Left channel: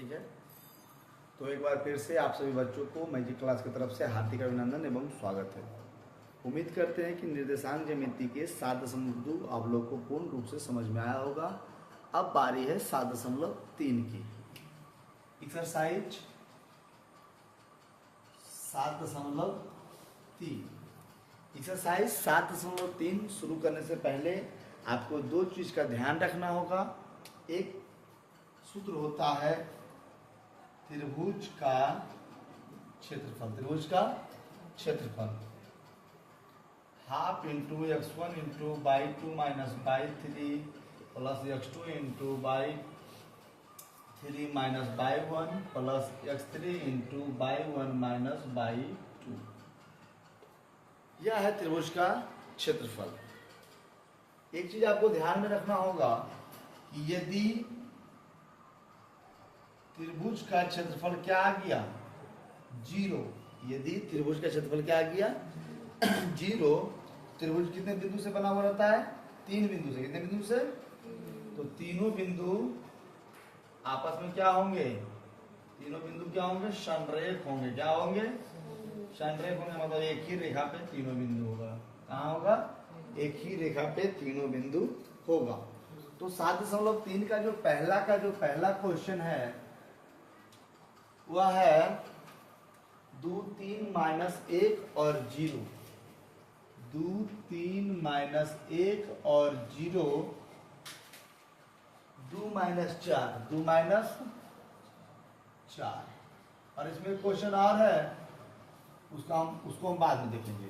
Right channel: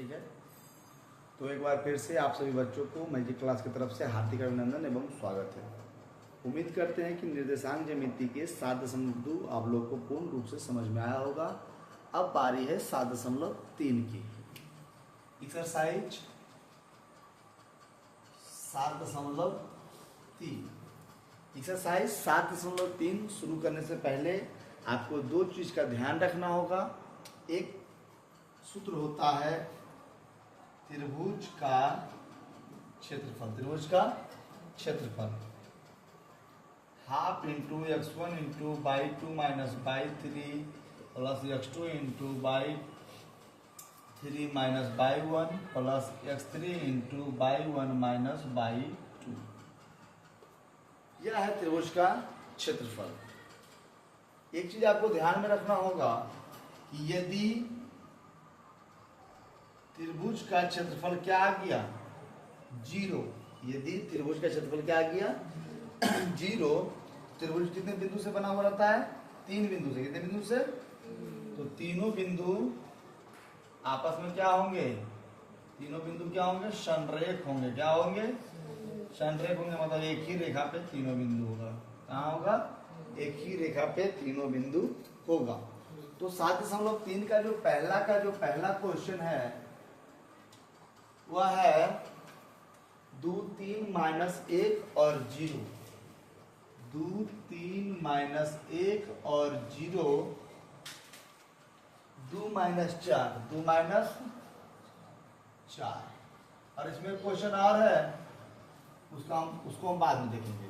ठीक है। तो एक बार फिर से आप सभी बच्चों को मैजिक क्लास की तरफ से हार्दिक अभिनंदन एवं स्वागत है। उम्मीद करते हैं कि निर्देशांक ज्यामिति के 7.2 आप लोग को पूर्ण रूप से समझ में आया होगा। अब बारी है 7.3 की। एक्सरसाइज 7.3। एक्सरसाइज 7.3 शुरू करने से पहले आपको दो चीज का ध्यान रखना होगा। एक सूत्र होता है त्रिभुज का क्षेत्रफल। त्रिभुज का क्षेत्रफल half into x1 into by 2 minus by 3 plus x2 into by 3 minus by 1 plus x3 into by 1 minus by 2। यह है त्रिभुज का क्षेत्रफल। एक चीज आपको ध्यान में रखना होगा कि यदि त्रिभुज का क्षेत्रफल क्या आ गया 0, यदि त्रिभुज का क्षेत्रफल क्या आ गया 0, त्रिभुज कितने बिंदु से बना हुआ रहता है? 3 बिंदु से। कितने बिंदु से? तो तीनों बिंदु आपस में क्या होंगे? तीनों बिंदु क्या होंगे? संरेख होंगे। क्या होंगे? संरेख होंगे, मतलब एक ही रेखा पे तीनों बिंदु होगा। कहाँ होगा? एक ही रेखा पे तीनों बिंदु होगा। तो 7.3 का जो पहला क्वेश्चन है वह है 2 3 माइनस 1 और 0। 2 3 माइनस 1 और 0, 2 माइनस 4, 2 माइनस 4। और इसमें क्वेश्चन और है, उसको हम बाद में देखेंगे।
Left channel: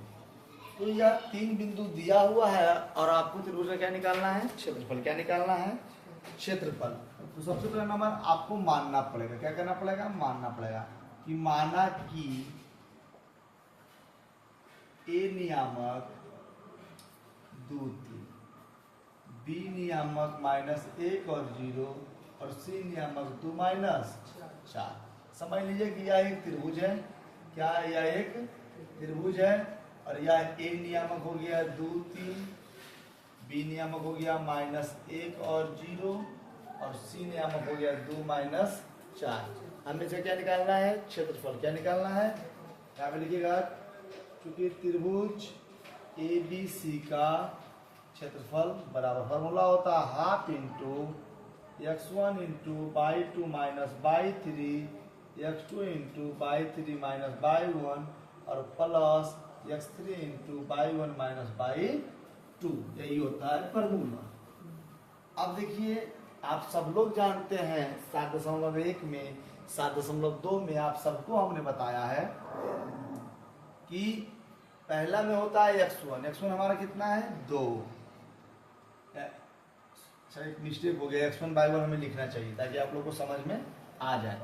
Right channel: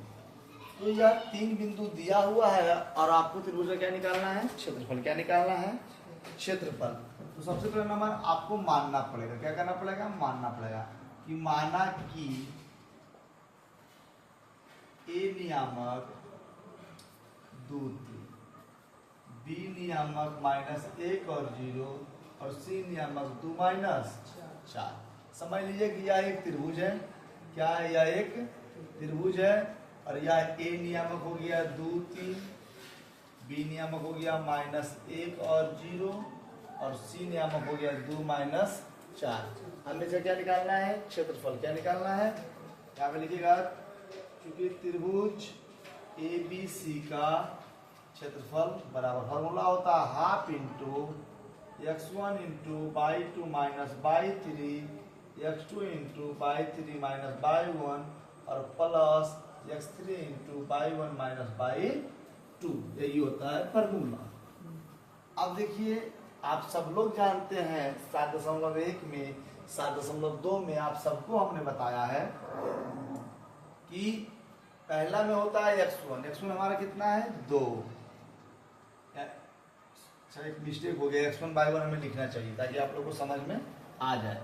तो यह 3 बिंदु दिया हुआ है और आपको त्रिभुज का क्या निकालना है? क्षेत्रफल। क्या निकालना है? क्षेत्रफल। तो सबसे पहले नंबर आपको मानना पड़ेगा। क्या करना पड़ेगा? मानना पड़ेगा कि माना कि ए नियामक 2 3, बी नियामक -1 और 0 और सी नियामक 2 माइनस 4। समझ लीजिए कि यह एक त्रिभुज है। क्या है? यह एक त्रिभुज है और यह ए नियामक हो गया 2 3, बी नियामक हो गया -1 और 0 और सी नियामक हो गया 2 माइनस 4। हमें से क्या निकालना है? क्षेत्रफल। क्या निकालना है? क्या लिखिएगा? क्योंकि त्रिभुज ABC का क्षेत्रफल बराबर फॉर्मूला होता है half into x1 into by 2 minus by 3 x2 into by 3 minus by 1 और plus x3 into by 1 minus by 2। यही होता है फॉर्मूला। अब देखिए, आप सब लोग जानते हैं 7.1 में 7.2 में आप सबको हमने बताया है कि पहला में होता है x1। x1 हमारा कितना है? 2। सर एक मिस्टेक हो गया, x1 बाई 1 हमें लिखना चाहिए ताकि आप लोग को समझ में आ जाए।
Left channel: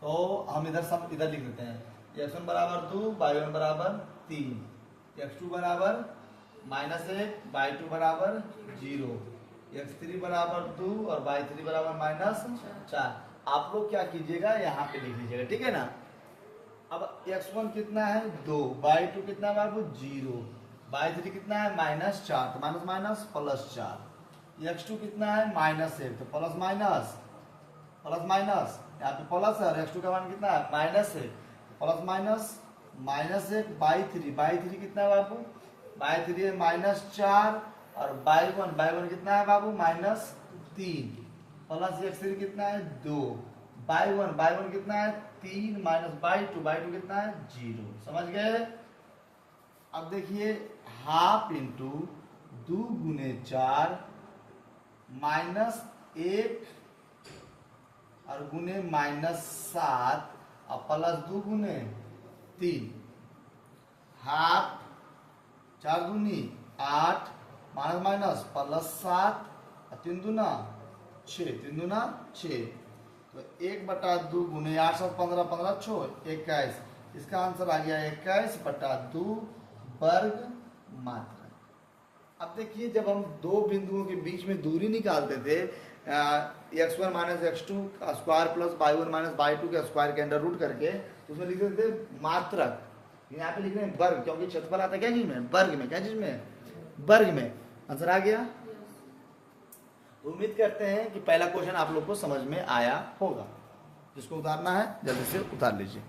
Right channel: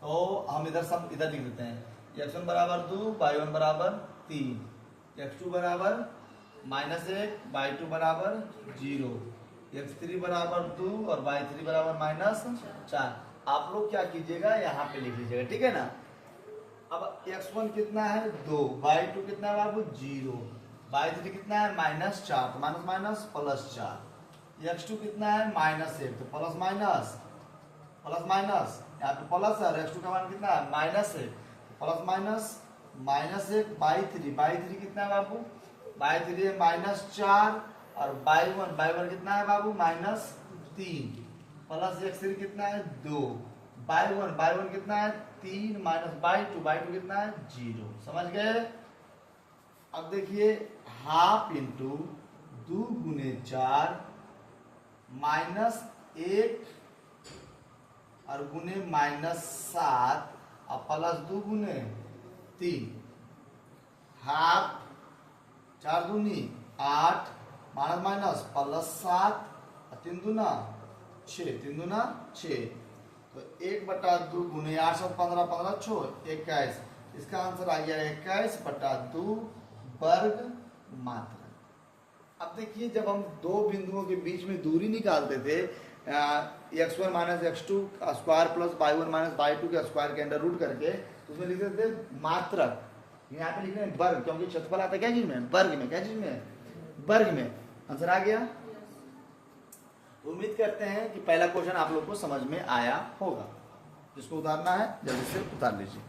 तो हम इधर लिख देते हैं x1 बराबर 2, बाई 1 बराबर 3, x2 बराबर -1, बाई 2 बराबर 0, x3 बराबर 2 और बाई 3 बराबर -4। आप लोग क्या कीजिएगा? यहाँ पे लिख लीजिएगा, ठीक है ना। अब x1 कितना है? 2, बाई 2 कितना है बाबू? 0, बाई 3 कितना है? -4, तो माइनस माइनस प्लस 4। x2 कितना है? -1, तो प्लस माइनस प्लस माइनस, यहाँ पे प्लस है और x2 का मान कितना है? -1, प्लस माइनस -1 बाई 3 कितना है बाबू? बाई 3 है -4 और बाई 1 कितना है बाबू? -3 प्लस x3 कितना है? 2, बाई 1 कितना है? 3 माइनस बाई 2 कितना है? 0। समझ गए? अब देखिए हाफ इंटू 2 गुने 4 -1 और गुने -7 और प्लस 2 गुने 3, हाफ 4 दूनी 8 माइनस माइनस प्लस 7 और 3 दूना 6, 3 दूना 6। तो 1/2 गुने 8 से 15 15 6 21। इसका आंसर आ गया 21/2 वर्ग मात्रा। अब देखिए, जब हम दो बिंदुओं के बीच में दूरी निकालते थे x1 माइनस x2 का square plus by 1 minus by 2 का स्क्वायर के अंडर रूट करके, तो उसमें लिखते थे मात्रक। यहाँ पे लिख रहे हैं वर्ग, क्योंकि क्षेत्रफल आता है क्या चीज में? वर्ग में। क्या चीज में? वर्ग में। आंसर आ गया। उम्मीद करते हैं कि पहला क्वेश्चन आप लोग को समझ में आया होगा। जिसको उतारना है जल्दी से उतार लीजिए।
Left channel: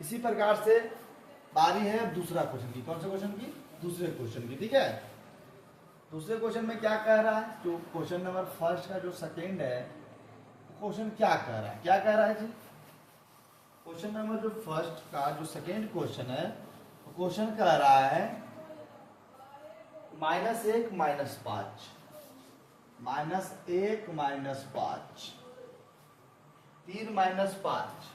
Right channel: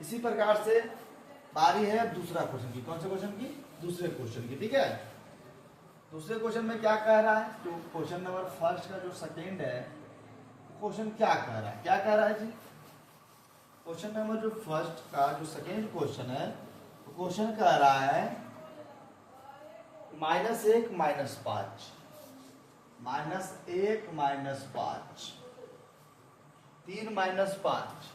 इसी प्रकार से बारी है अब दूसरा क्वेश्चन की। कौन से क्वेश्चन की? दूसरे क्वेश्चन की। ठीक है, दूसरे क्वेश्चन में क्या कह रहा है? जो क्वेश्चन नंबर फर्स्ट का जो सेकेंड है, क्वेश्चन क्या कह रहा है? क्या कह रहा है जी? क्वेश्चन नंबर जो फर्स्ट का जो सेकेंड क्वेश्चन है, क्वेश्चन कह रहा है -1 -5, -1 -5, 3 -5,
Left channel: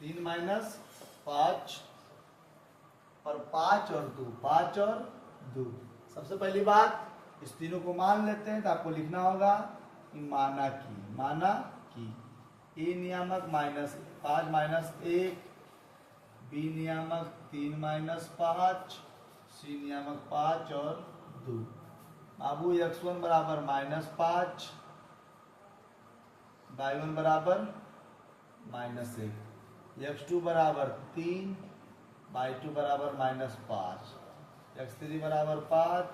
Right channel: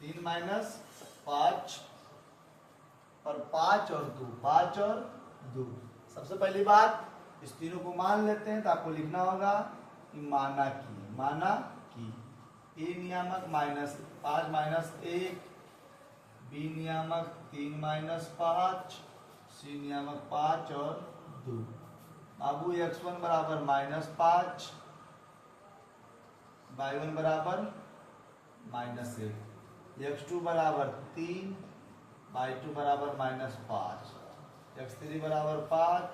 3 -5 और 5 और 2, 5 और 2। सबसे पहली बात इस तीनों को मान लेते हैं, तो आपको लिखना होगा कि माना कि ए नियामक -5 -1, बी नियामक 3 -5, सी नियामक 5 और 2। बाबू x1 बराबर -5, y1 बराबर -1, x2 बराबर 3, y2 बराबर -5, x3 बराबर 5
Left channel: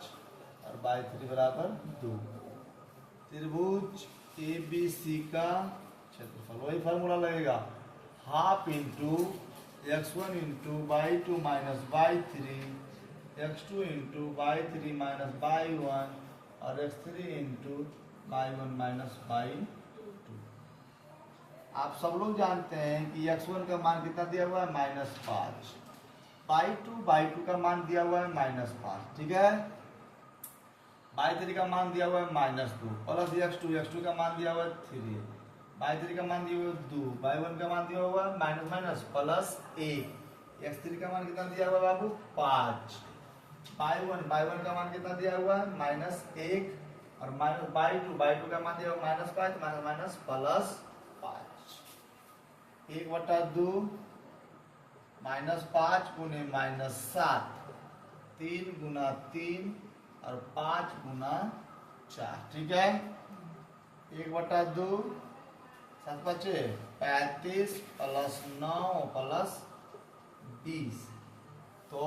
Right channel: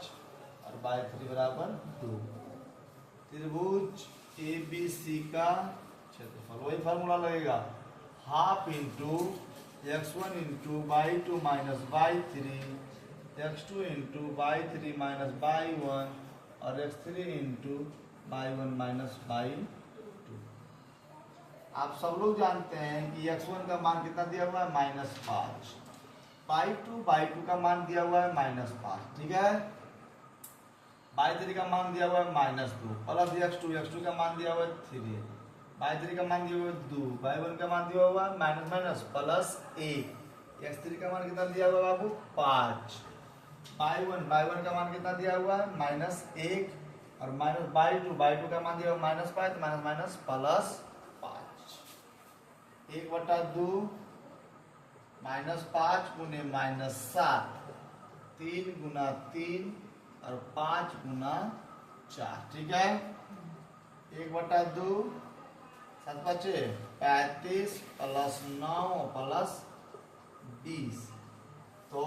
और y3 बराबर 2। त्रिभुज ABC का क्षेत्रफल, वही फार्मूला लगेगा, half into x1 into y2 minus y3, x2 into y3 minus y1 और x3 into y1 minus y2। आप सब लोग जानते हैं कि x1 का मान कितना दिया हुआ है? -5, y2 का मान दिया हुआ है -5, ठीक है। y3 का मान दिया हुआ है -2 प्लस x2 का मान दिया हुआ है 3, y3 का मान दिया हुआ है 2, y1 का मान दिया हुआ है माइनस प्लस 1, x3 का मान कितना दिया हुआ है बाबू? 5, y1 का मान कितना दिया हुआ है? -1 और माइनस y2 का मान दिया हुआ है -5, माइनस प्लस 5, 1/2 -5 गुने -7, 3 गुना 3 और 5 गुना 4, ठीक है। 1/2 7 बचे 35 प्लस 9 प्लस 20, तो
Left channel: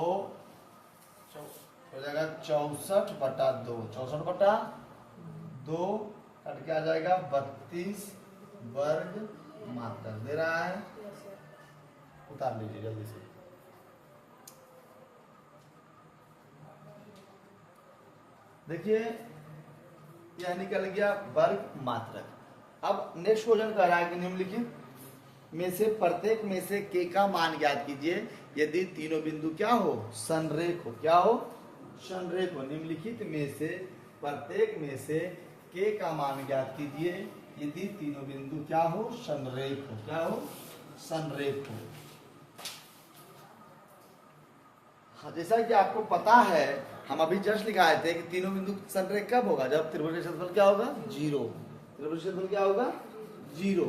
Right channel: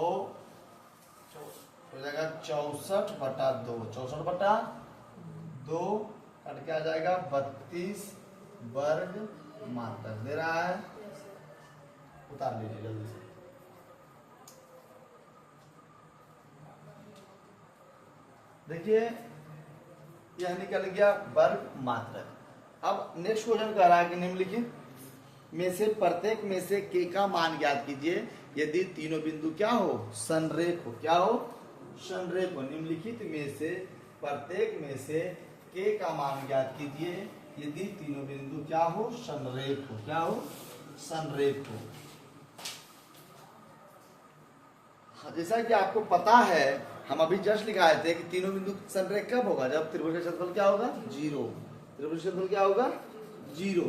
हो जाएगा 64/2, 64/2 कट के आ जाएगा 32 वर्ग मात्र दे रहा है। उतार लीजिए जल्दी से। देखिए यह निकल गया वर्ग मात्रक। अब नेक्स्ट क्वेश्चन कह रहा है कि निम्नलिखित में से प्रत्येक में से के का मान ज्ञात कीजिए यदि तीनों बिंदु क्या हो? संरेख हो। क्या हो? संरेख हो। निम्नलिखित में से प्रत्येक में से के का मान ज्ञात कीजिए यदि तीनों बिंदु क्या हो? संरेख हो। क्या हो? संरेख हो। जैसा कि आपको पता है, हम अभी जस्ट लिखाए थे कि तीनों बिंदु संरेख कब होगा? जब त्रिभुज का क्षेत्रफल क्या होगा? 0। त्रिभुज का क्षेत्रफल क्या होगा? 0।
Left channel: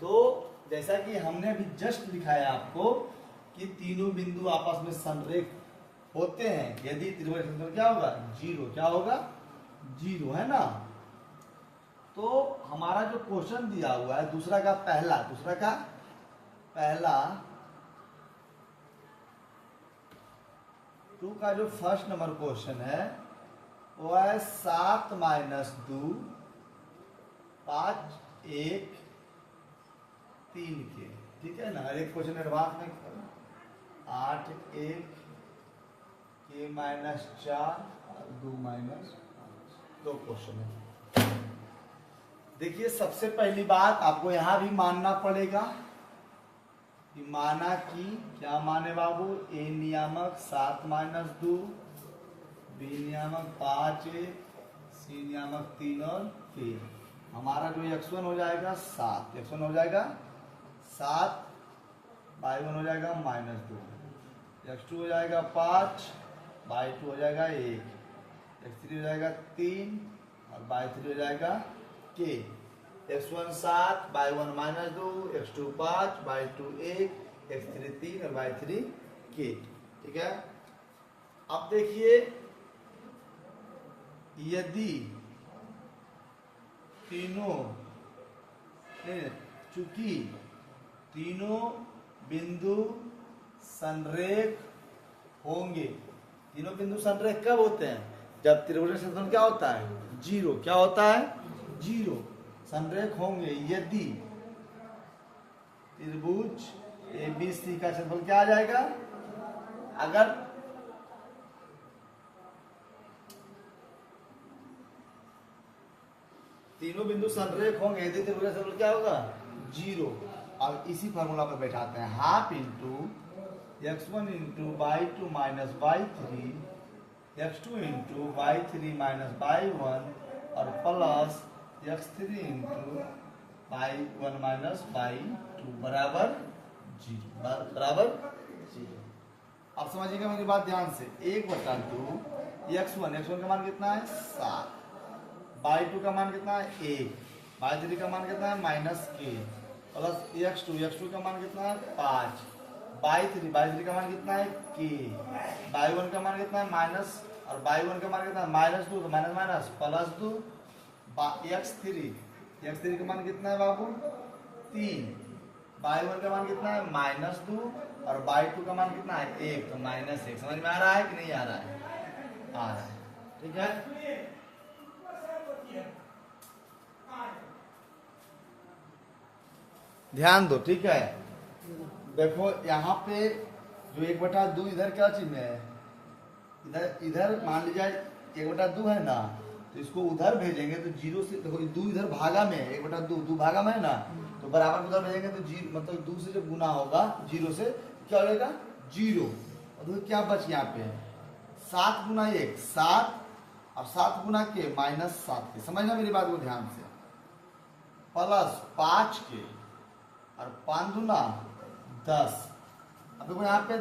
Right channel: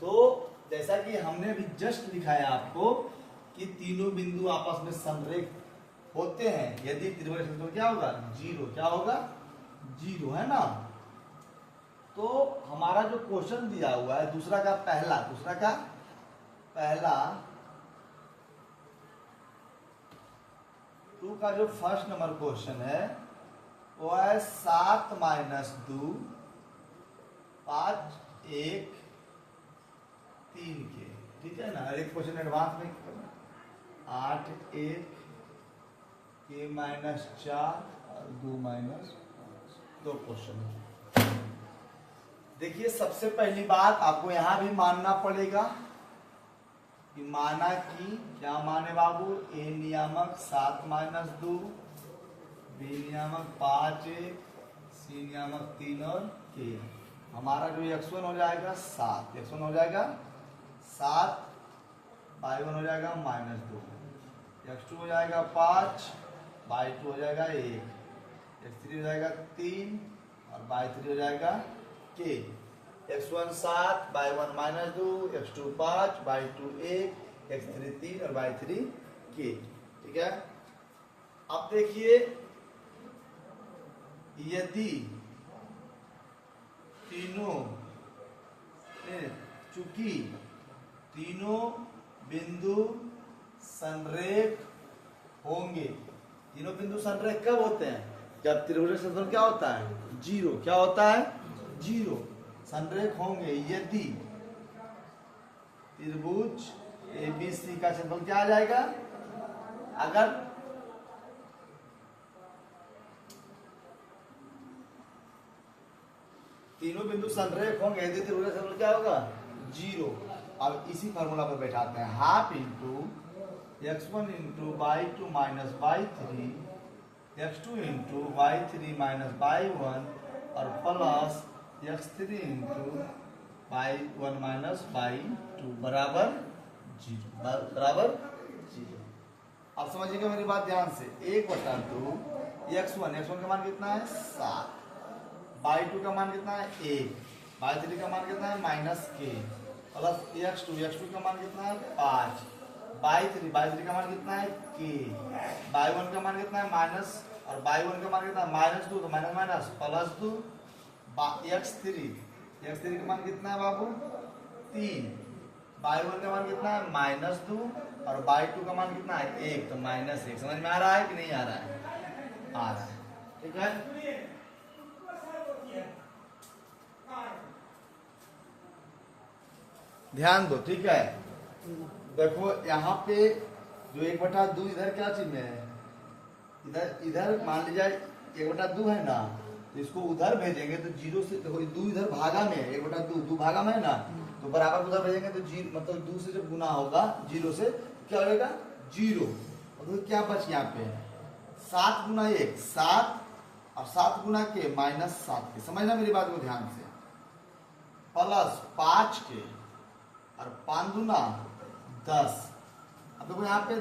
तो जैसा कि हमने अभी जस्ट लिखाया आपको कि तीनों बिंदु आपस में संरेख होते हैं यदि त्रिभुज का क्षेत्रफल क्या होगा? 0। क्या होगा? 0, है ना। तो हमारा जो क्वेश्चन दिया हुआ है दूसरा का पहला 2 का जो फर्स्ट नंबर क्वेश्चन है वो है 7 - 2 5 1 3 के, ठीक है ना। एक क्वेश्चन एडवांस में 8 1 के -4 और 2 क्वेश्चन है। देखिए सबसे पहली बात आपको यहां भी मानना पड़ेगा कि माना कि क्या माने बाबू? ए नियामक 7 - 2, बी नियामक 5 1, सी नियामक 3 और के। हमारा जो x1 हो जाएगा 7, x1 हो जाएगा 7, y1 हो जाएगा -2, x2 हो जाएगा 5, y2 हो जाएगा 1, x3 हो जाएगा 3 और y3 हो जाएगा k। x1 7, y1 -2, x2 5, y2 1, x3 3 और y3 k, ठीक है। अब देखिए यदि चूंकि तीनों बिंदु संरेख होंगे, तीनों बिंदु संरेख कब होते हैं? जब त्रिभुज का क्षेत्रफल क्या होता है? जीरो। क्या होता है? जीरो। संरेख होंगे यदि त्रिभुज ABC का क्षेत्रफल क्या आ जाएगा? अगर तीनों बिंदु संरेख होंगे यदि त्रिभुज का क्षेत्रफल क्या होगा? जीरो। अब इसी फार्मूला पर बैठाते हैं, half into x1 into y2 minus y3 x2 into y3 minus y1 और plus x3 into y1 minus y2 बराबर जीरो। बराबर जीरो। अब समझिएगा मेरी बात ध्यान से, 1/2 x1 का मान कितना है? 7। y2 का मान कितना है? 1। y3 का मान कितना है? -k प्लस x2 का मान कितना है? 5। y3 का मान कितना है? k। y1 का मान कितना है? माइनस, और y1 का मान कितना है? -2, तो माइनस माइनस प्लस 2। x3 का मान कितना है बाबू? 3। y1 का मान कितना है? -2 और y2 का मान कितना है? 1, तो -1। समझ में आ रहा है कि नहीं आ रहा है? आ रहा है। ठीक है, ध्यान दो। ठीक है, देखो यहाँ पे जो 1/2 इधर क्या चीज है? इधर मान लीजिए 1/2 है ना, तो इसको उधर भेजेंगे तो जीरो से, देखो 2 इधर भागा में, 1/2 भागा में है ना, तो बराबर उधर भेजेंगे तो जीरो, मतलब 2 से जब गुना होगा जीरो से, क्या हो जाएगा? जीरो। और तो क्या बच यहाँ पे? 7 गुना 1 7 और 7 गुना के -7 के। समझना मेरी बात को ध्यान से, प्लस 5 के और 5 गुना 10। अब देखो यहाँ पे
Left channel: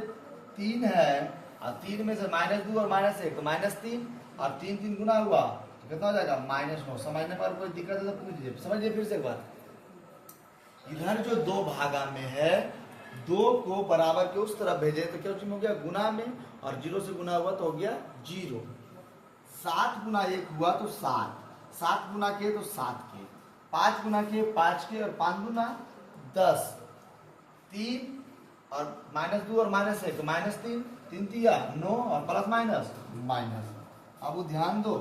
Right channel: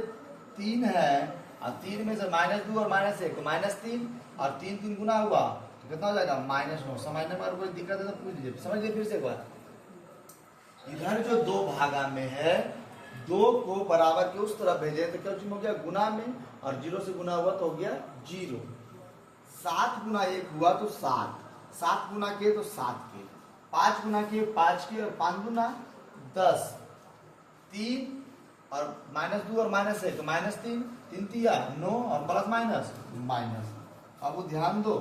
3 है और 3 में से -2 और -1 तो -3 और 3 गुना हुआ तो कितना हो जाएगा? -9। समझने पर कोई दिक्कत है तो पूछ लीजिए। समझिए फिर से एक बार, इधर जो 2 भागा में है, 2 को बराबर के उस तरफ भेजे तो क्या हो गया? गुना में, और 0 से गुना हुआ तो हो गया 0। 7 गुना 1 हुआ तो 7, 7 गुना के तो 7 के, 5 गुना के 5 के और 5 गुना 10, 3 और -2 और -1 तो -3, 3 तिया 9 और प्लस माइनस माइनस। अब वो ध्यान दो,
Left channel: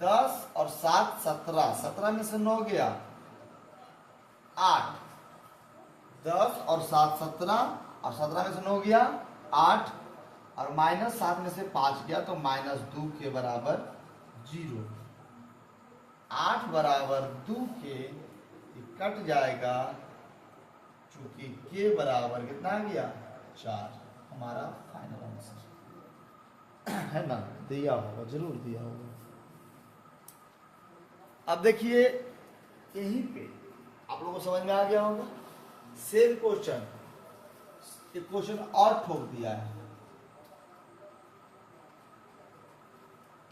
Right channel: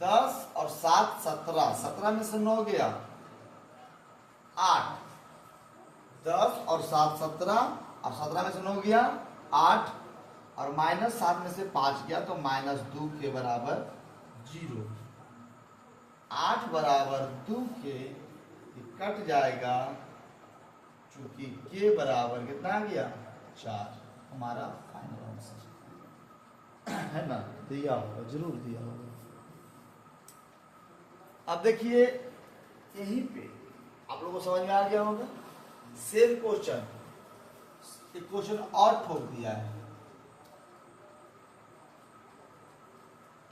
10 और 7 17, 17 में से 9 गया 8, 10 और 7 17 और 17 में से 9 गया 8 और -7 में से 5 गया तो -2 के बराबर 0। 8 बराबर 2 के कट जाएगा, चूंकि के बराबर कितना आ गया? 4। हमारा फाइनल आंसर है ना, दिया होगा, जरूर दिया होगा। अब देखिए यहीं पे आप लोगों को समझ में आ गया होगा। सेम क्वेश्चन, एक क्वेश्चन और ठोक दिया है।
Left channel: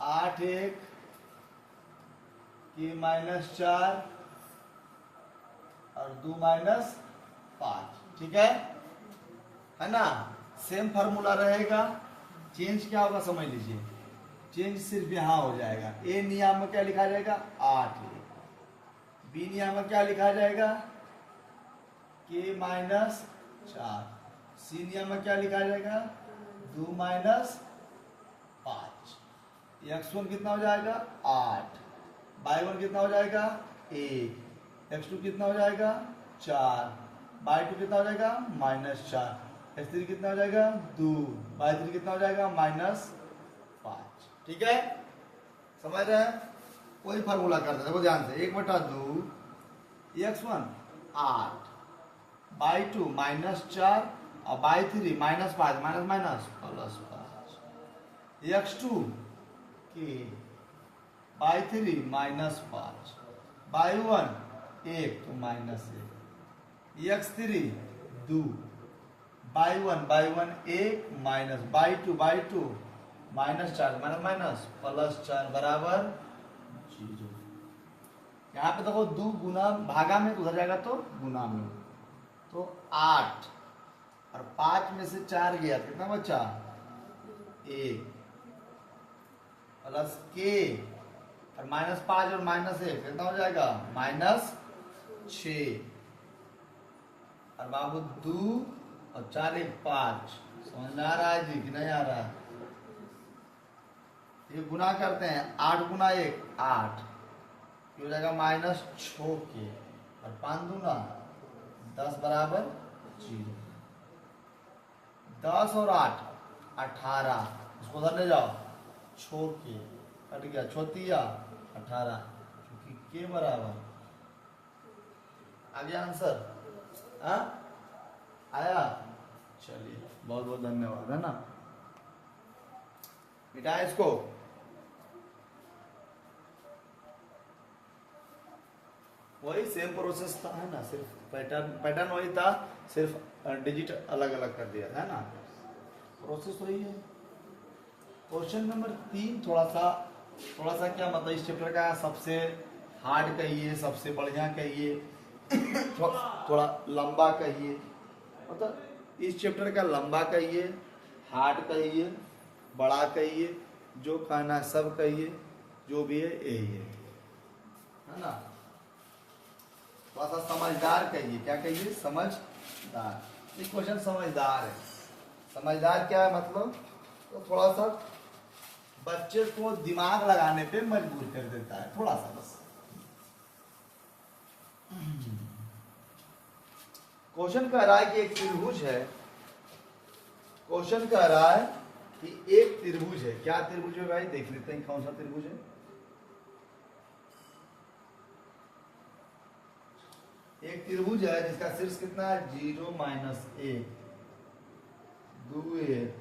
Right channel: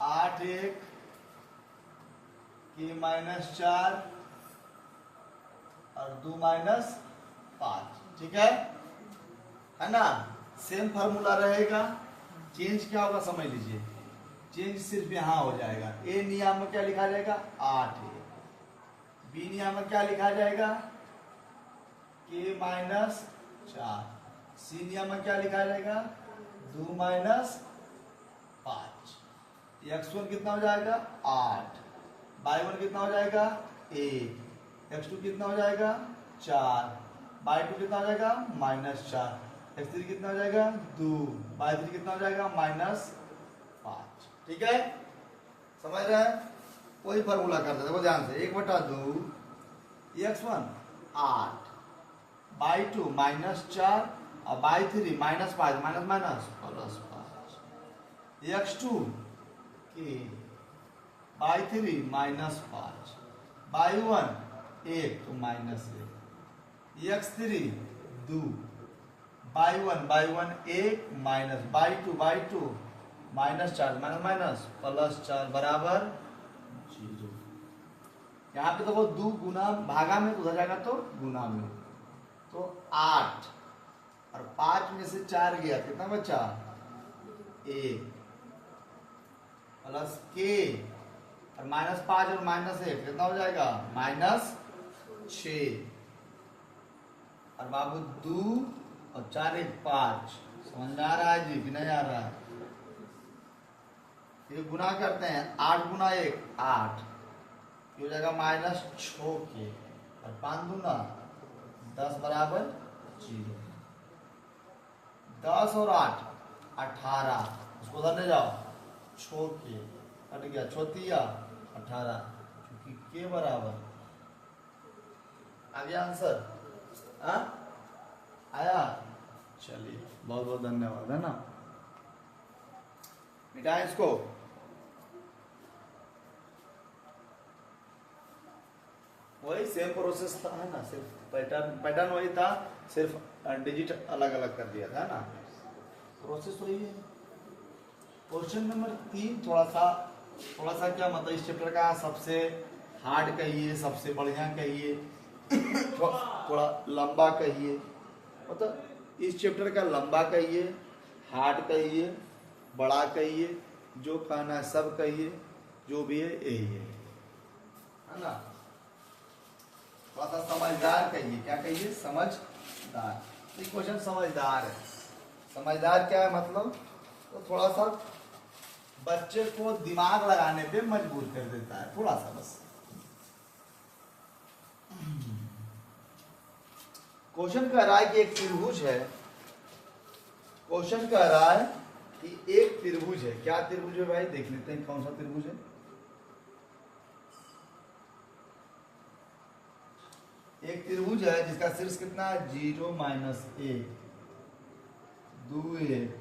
8 1 के -4 और 2 -5। ठीक है ना? सेम फार्मूला रहेगा, चेंज क्या होगा समझ लीजिए। चेंज सिर्फ यहां हो जाएगा। ए नियम में क्या लिखा जाएगा? 8 बी नियम में क्या लिखा जाएगा? के -4। सी नियम में क्या लिखा जाएगा? 2 -5। x1 कितना हो जाएगा? 8। y1 कितना हो जाएगा? 1। x2 कितना हो जाएगा? 4। y2 कितना हो जाएगा? -4। x3 कितना हो जाएगा? 2। y3 कितना हो जाएगा? -5। ठीक है, समझ रहे हैं? कोई फार्मूला करते हैं, देखो ध्यान से। 1/2 x1 8, y2 -4 और y3 -5 माइनस प्लस 5, x2 के y3 -5, y1 1 तो -1, x3 2, y1 1 minus y2 -4 minus plus 4 बराबर 0। यहाँ पे देखो 2 गुना भागा में उधर जाएगा तो गुना में, तो 8 और 5 में से 4 गया, कितना बचा? 1 प्लस के और -5 और -1 कितना हो जाएगा? -6 और बाबू 2 और 4 1 5। समझ में आ रहा है जी कि नहीं आ रहा है? ये गुना करते हैं, 8 गुना 1 8, ये हो जाएगा -6 के, और 5 दूना 10 बराबर 0। 10 और 8 18, इसको उधर ले जाओ, 6 के कट गया, 6 18, क्योंकि के बराबर आ गया आंसर। हाँ आया, चलिए बहुत बहुत धन्यवाद, है ना। मिटाएं इसको। वही सेम प्रोसेस था, है ना, सिर्फ पैटर्न वही था, सिर्फ डिजिट अलग अलग कर दिया था, है ना, प्रोसेस वही है। क्वेश्चन नंबर 3 थोड़ा सा क्या मतलब इस चैप्टर का सबसे हार्ड कहिए, सबसे बढ़िया कहिए, थोड़ा लंबा कहिए, मतलब इस चैप्टर का लंबा कहिए, हार्ड कहिए, बड़ा कहिए, जो कहना है सब कहिए, जो भी है यही है ना। थोड़ा सा समझदार कहिए, क्या कहिए, समझदार। ये क्वेश्चन समझदार है। समझदार क्या है मतलब, तो थोड़ा सा बच्चे को दिमाग लगाने पे मजबूर कर देता है, थोड़ा सा बस। क्वेश्चन कह रहा है कि एक त्रिभुज है, क्वेश्चन कह रहा है कि एक त्रिभुज है। क्या त्रिभुज है भाई, देख लेते हैं कौन सा त्रिभुज है। एक त्रिभुज है जिसका शीर्ष कितना है, 0 -1 2 1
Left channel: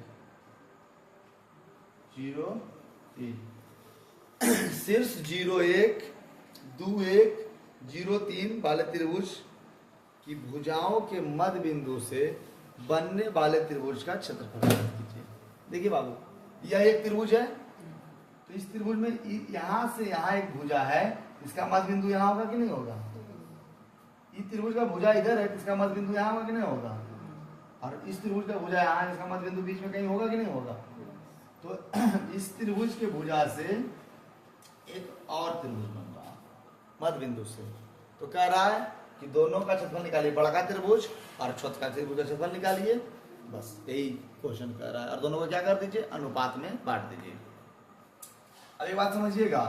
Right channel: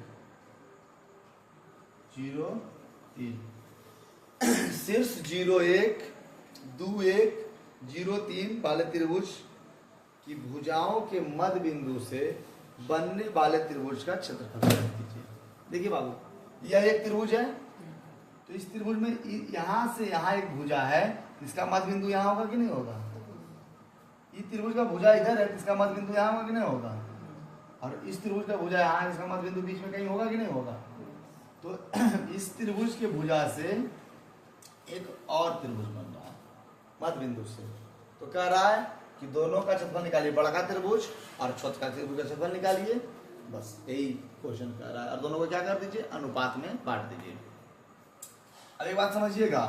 0 3। शीर्ष 0 1 2 1 0 3 वाले त्रिभुज की भुजाओं के मध्य बिंदु से बनने वाले त्रिभुज का क्षेत्रफल कीजिए। देखिए बाबू, यह एक त्रिभुज है, तो इस त्रिभुज में यहां से यहां एक भुजा है, इसका मध्य बिंदु यहां होगा कि नहीं होगा। इस त्रिभुज का भुजा इधर है, इसका मध्य बिंदु यहां होगा कि नहीं होगा। और इस त्रिभुज का भुजा यहाँ है, इसका मध्य बिंदु बीच में कहीं होगा कि नहीं होगा। तो इस त्रिभुज के भुजा से एक और त्रिभुज बन रहा है मध्य बिंदु से। तो कह रहा है कि दोनों का क्षेत्रफल निकालिए, बड़ा का त्रिभुज और छोटा का त्रिभुज का क्षेत्रफल निकालिए, बस यही क्वेश्चन कह रहा है। और दोनों को क्या कर दीजिए, अनुपात में बांट दीजिए। अब एक बात समझिएगा,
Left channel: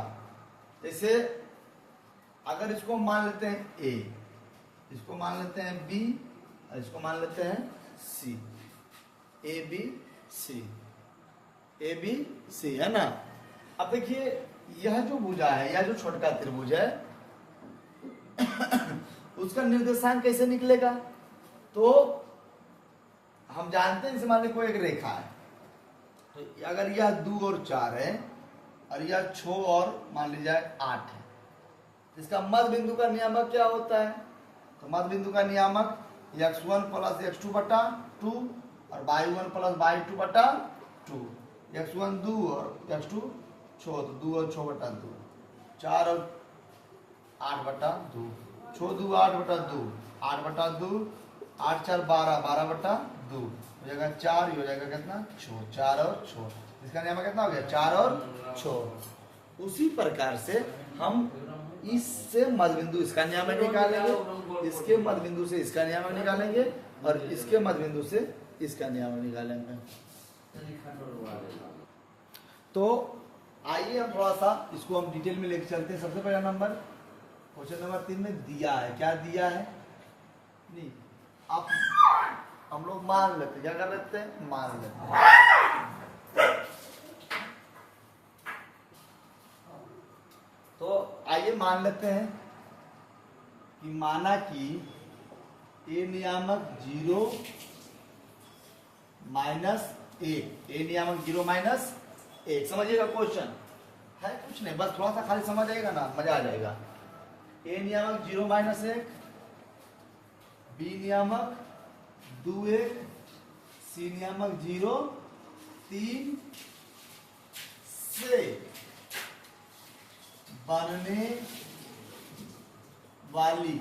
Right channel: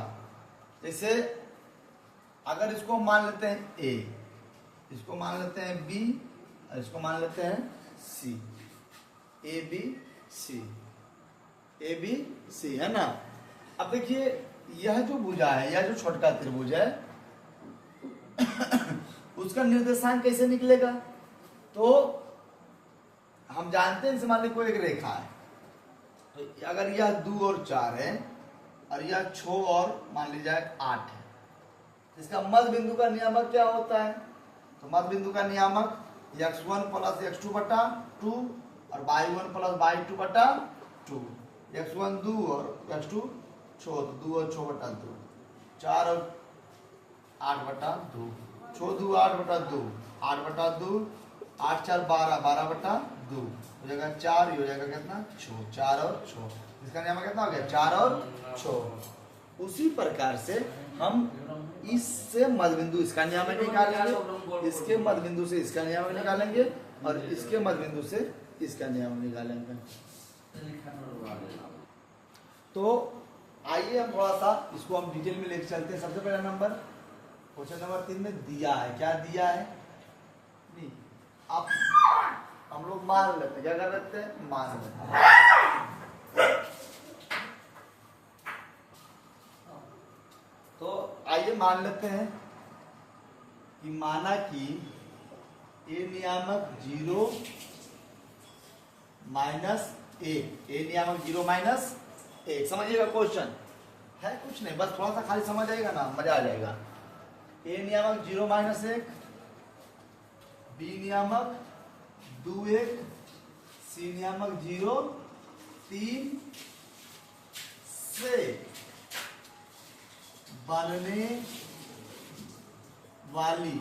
जैसे अगर इसको मान लेते हैं ए, इसको मान लेते हैं बी, और इसको मान लेते हैं सी, ए बी सी, है ना। अब देखिए यह जो भुजा है, यह जो छोटा त्रिभुज है उसका निर्देशांक कैसे निकलेगा। तो हम जानते हैं, मान लीजिए कोई एक रेखा है, तो अगर यह 2 और 4 है और यह 6 और मान लीजिए 8 है, इसका मध्य बिंदु का नियामक क्या होता है। तो मध्य बिंदु का नियामक x1 + x2 बटा 2 और y1 + y2 बटा 2। x1 2 और x2 6, तो 2 और 6 बटा 2, 4 और 8 बटा 2, 6 2 8 बटा 2, 8 बटा 2, 8 4 12, 12 बटा 2 हो जाएगा 4, ये हो जाएगा कितना 6, 4 और 6, इसका नियम कितना हो गया 4 और 6। उसी प्रकार से हम इससे मध्य बिंदु इसका नियम निकालेंगे, इसके मध्य बिंदु से इसका नियम निकालेंगे, और इसके मध्य बिंदु से इसका नियम निकालेंगे। तो आइए हम थोड़ा सा इसको हम डिटेल में लेकर चलते हैं। सबसे पहला नंबर क्वेश्चन नंबर 3 में दिया है, क्या दिया है नहीं, अब हम लोग मान लेते हैं, क्या कर लेते हैं, मान लेते हैं। तो आइए मान लेते हैं कि माना कि ए नियामक 0 -1, ए नियामक 0 -1। समझिएगा क्वेश्चन है कुछ नहीं, बस थोड़ा सा खाली समझ आएगा ना, मजा आ जाएगा। ए नियामक 0 -1, बी नियामक 2 1, सी नियामक 0 3 से बनने वाली,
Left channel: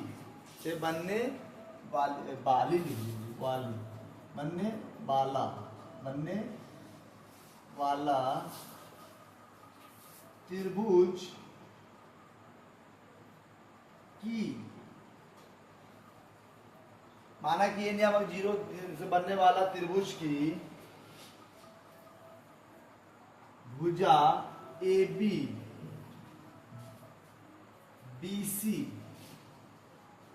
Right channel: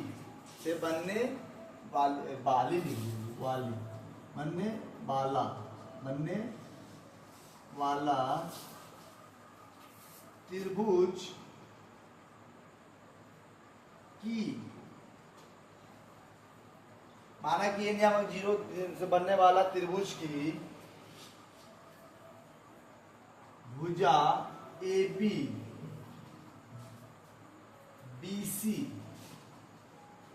से बनने वाली, बनने वाला त्रिभुज की, माना कि ये नियामक 0 से बनने वाला त्रिभुज की भुजा A B B C,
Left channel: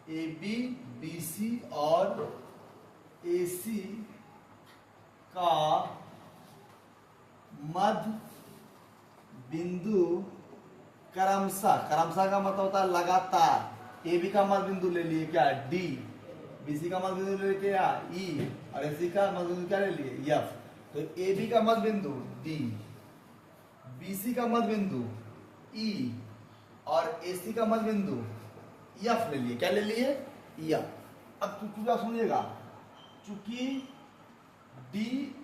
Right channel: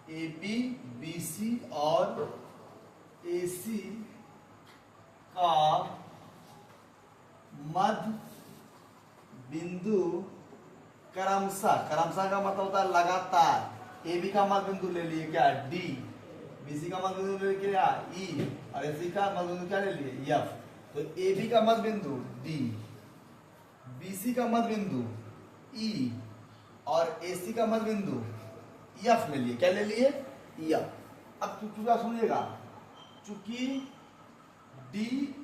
A B B C और ए सी का मध्य बिंदु क्रमशः, क्रमशः का मतलब होता है लगातार। ए बी का मध्य बिंदु ले लिए क्या, डी, बीसी का मध्य बिंदु ले लिए क्या, ई, और एसी का मध्य बिंदु क्या ले लिए, एफ। तो ए बी का मध्य बिंदु डी, बीसी का मध्य बिंदु ई और एसी का मध्य बिंदु एफ ले लिए। क्या ले लिए, एफ। अब चूंकि सुनिएगा, चूंकि डी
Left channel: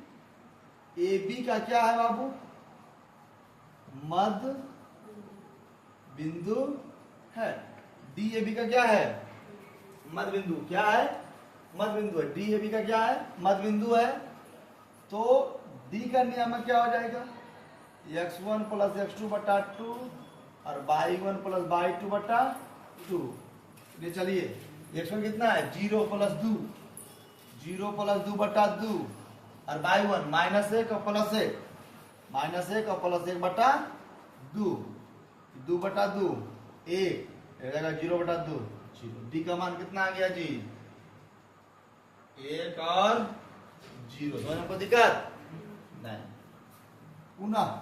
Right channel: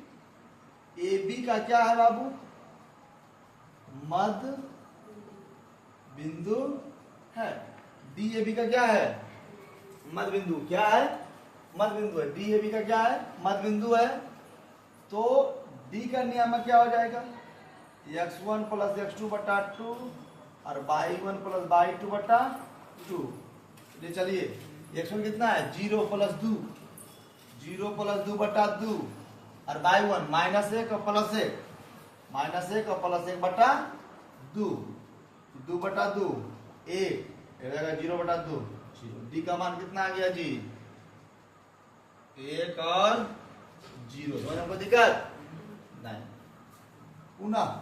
ए बी का क्या है बाबू, मध्य बिंदु है। डी ए बी का क्या है, मध्य बिंदु। क्या है, मध्य बिंदु है। डी ए बी का क्या है, मध्य बिंदु है। तो डी का नियामक क्या हो जाएगा, x1 प्लस x2 बटा 2 और y1 प्लस y2 बटा 2। ये चलिए x1 कितना है, 0 प्लस 2, 0 प्लस 2 बटा 2 और y1 -1 और +1, -1 और +1 बटा 2, 2 बटा 2 1, 0 बटा 2 0। डी का मान कितना आ गया जी, 1 और 0। समझ में कोई दिक्कत नहीं। पुनः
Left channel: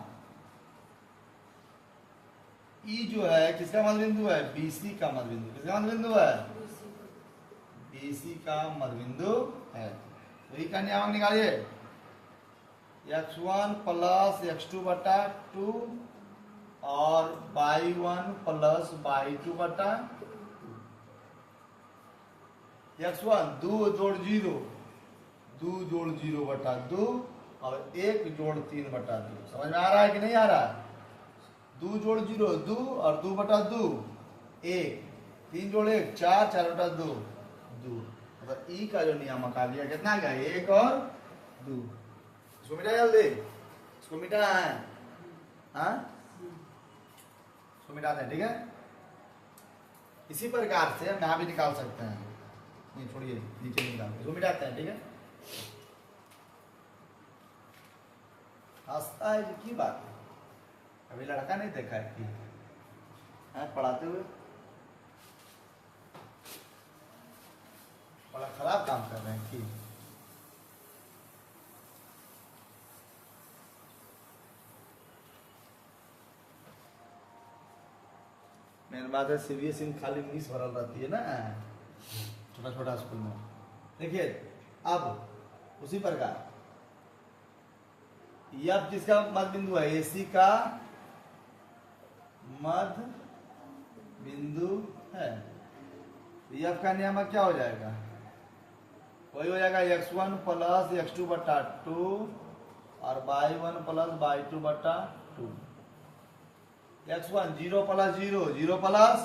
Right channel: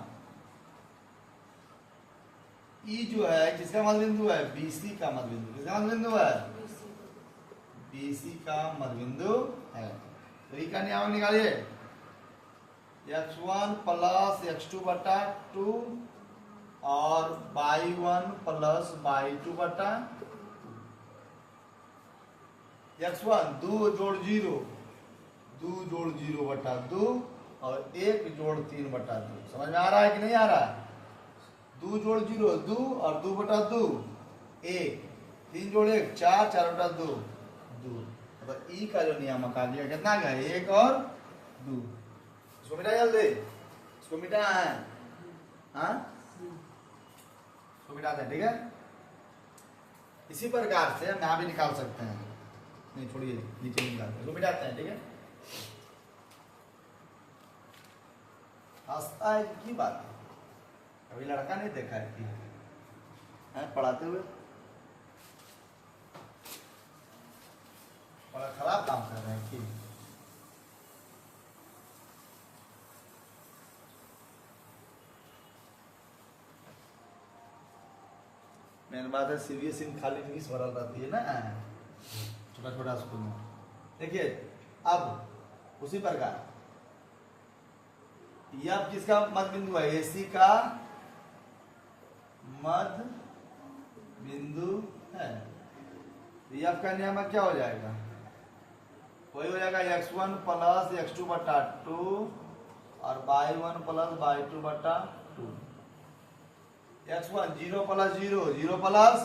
ई जो है किसका मध्य बिंदु है, बीसी का मध्य बिंदु। किसका मध्य बिंदु है, बीसी का मध्य बिंदु है। तो ई का नियम निकालिए, x1 प्लस x2 बटा 2 और y1 प्लस y2 बटा 2। x1 2 जोड़ 0, 2 जोड़ 0 बटा 2 और 1 जोड़ 3 बटा 2। समझ में आ रहा है कि नहीं आ रहा, 2 जोड़ 0 2 और 2 बटा 2 1, 3 जोड़ 1 4, 4 बटा 2 2। मतलब ई का जो नियामक आ गया कितना आ गया, 1 और 2। इसको मिटा जल्दी, इसको मिटाना है, हाँ इसको मिटाते हैं, ठीक है। इसी प्रकार से हम यहाँ भी निकाल सकते हैं, नहीं छोड़िए नीचे निकाल, इसको मिटाते हैं, ठीक है। हंसता है की बात है, अभी लड़का नहीं देखा है कि पढ़ाते हुए, बड़ा खराब काम कर रहे हैं कि मेन बात है, सीबीएसई में खाली इंग्लिश भरल रहती है ना, छोटा छोटा स्कूल में। देखिए अब उसी प्रकार यह किसका मध्य बिंदु है, एसी का मध्य बिंदु है। यह का नियम क्या हो जाएगा, वही हो जाएगा x1 प्लस x2 बटा 2 और y1 प्लस y2 बटा 2। x1 0 प्लस 0, 0 प्लस,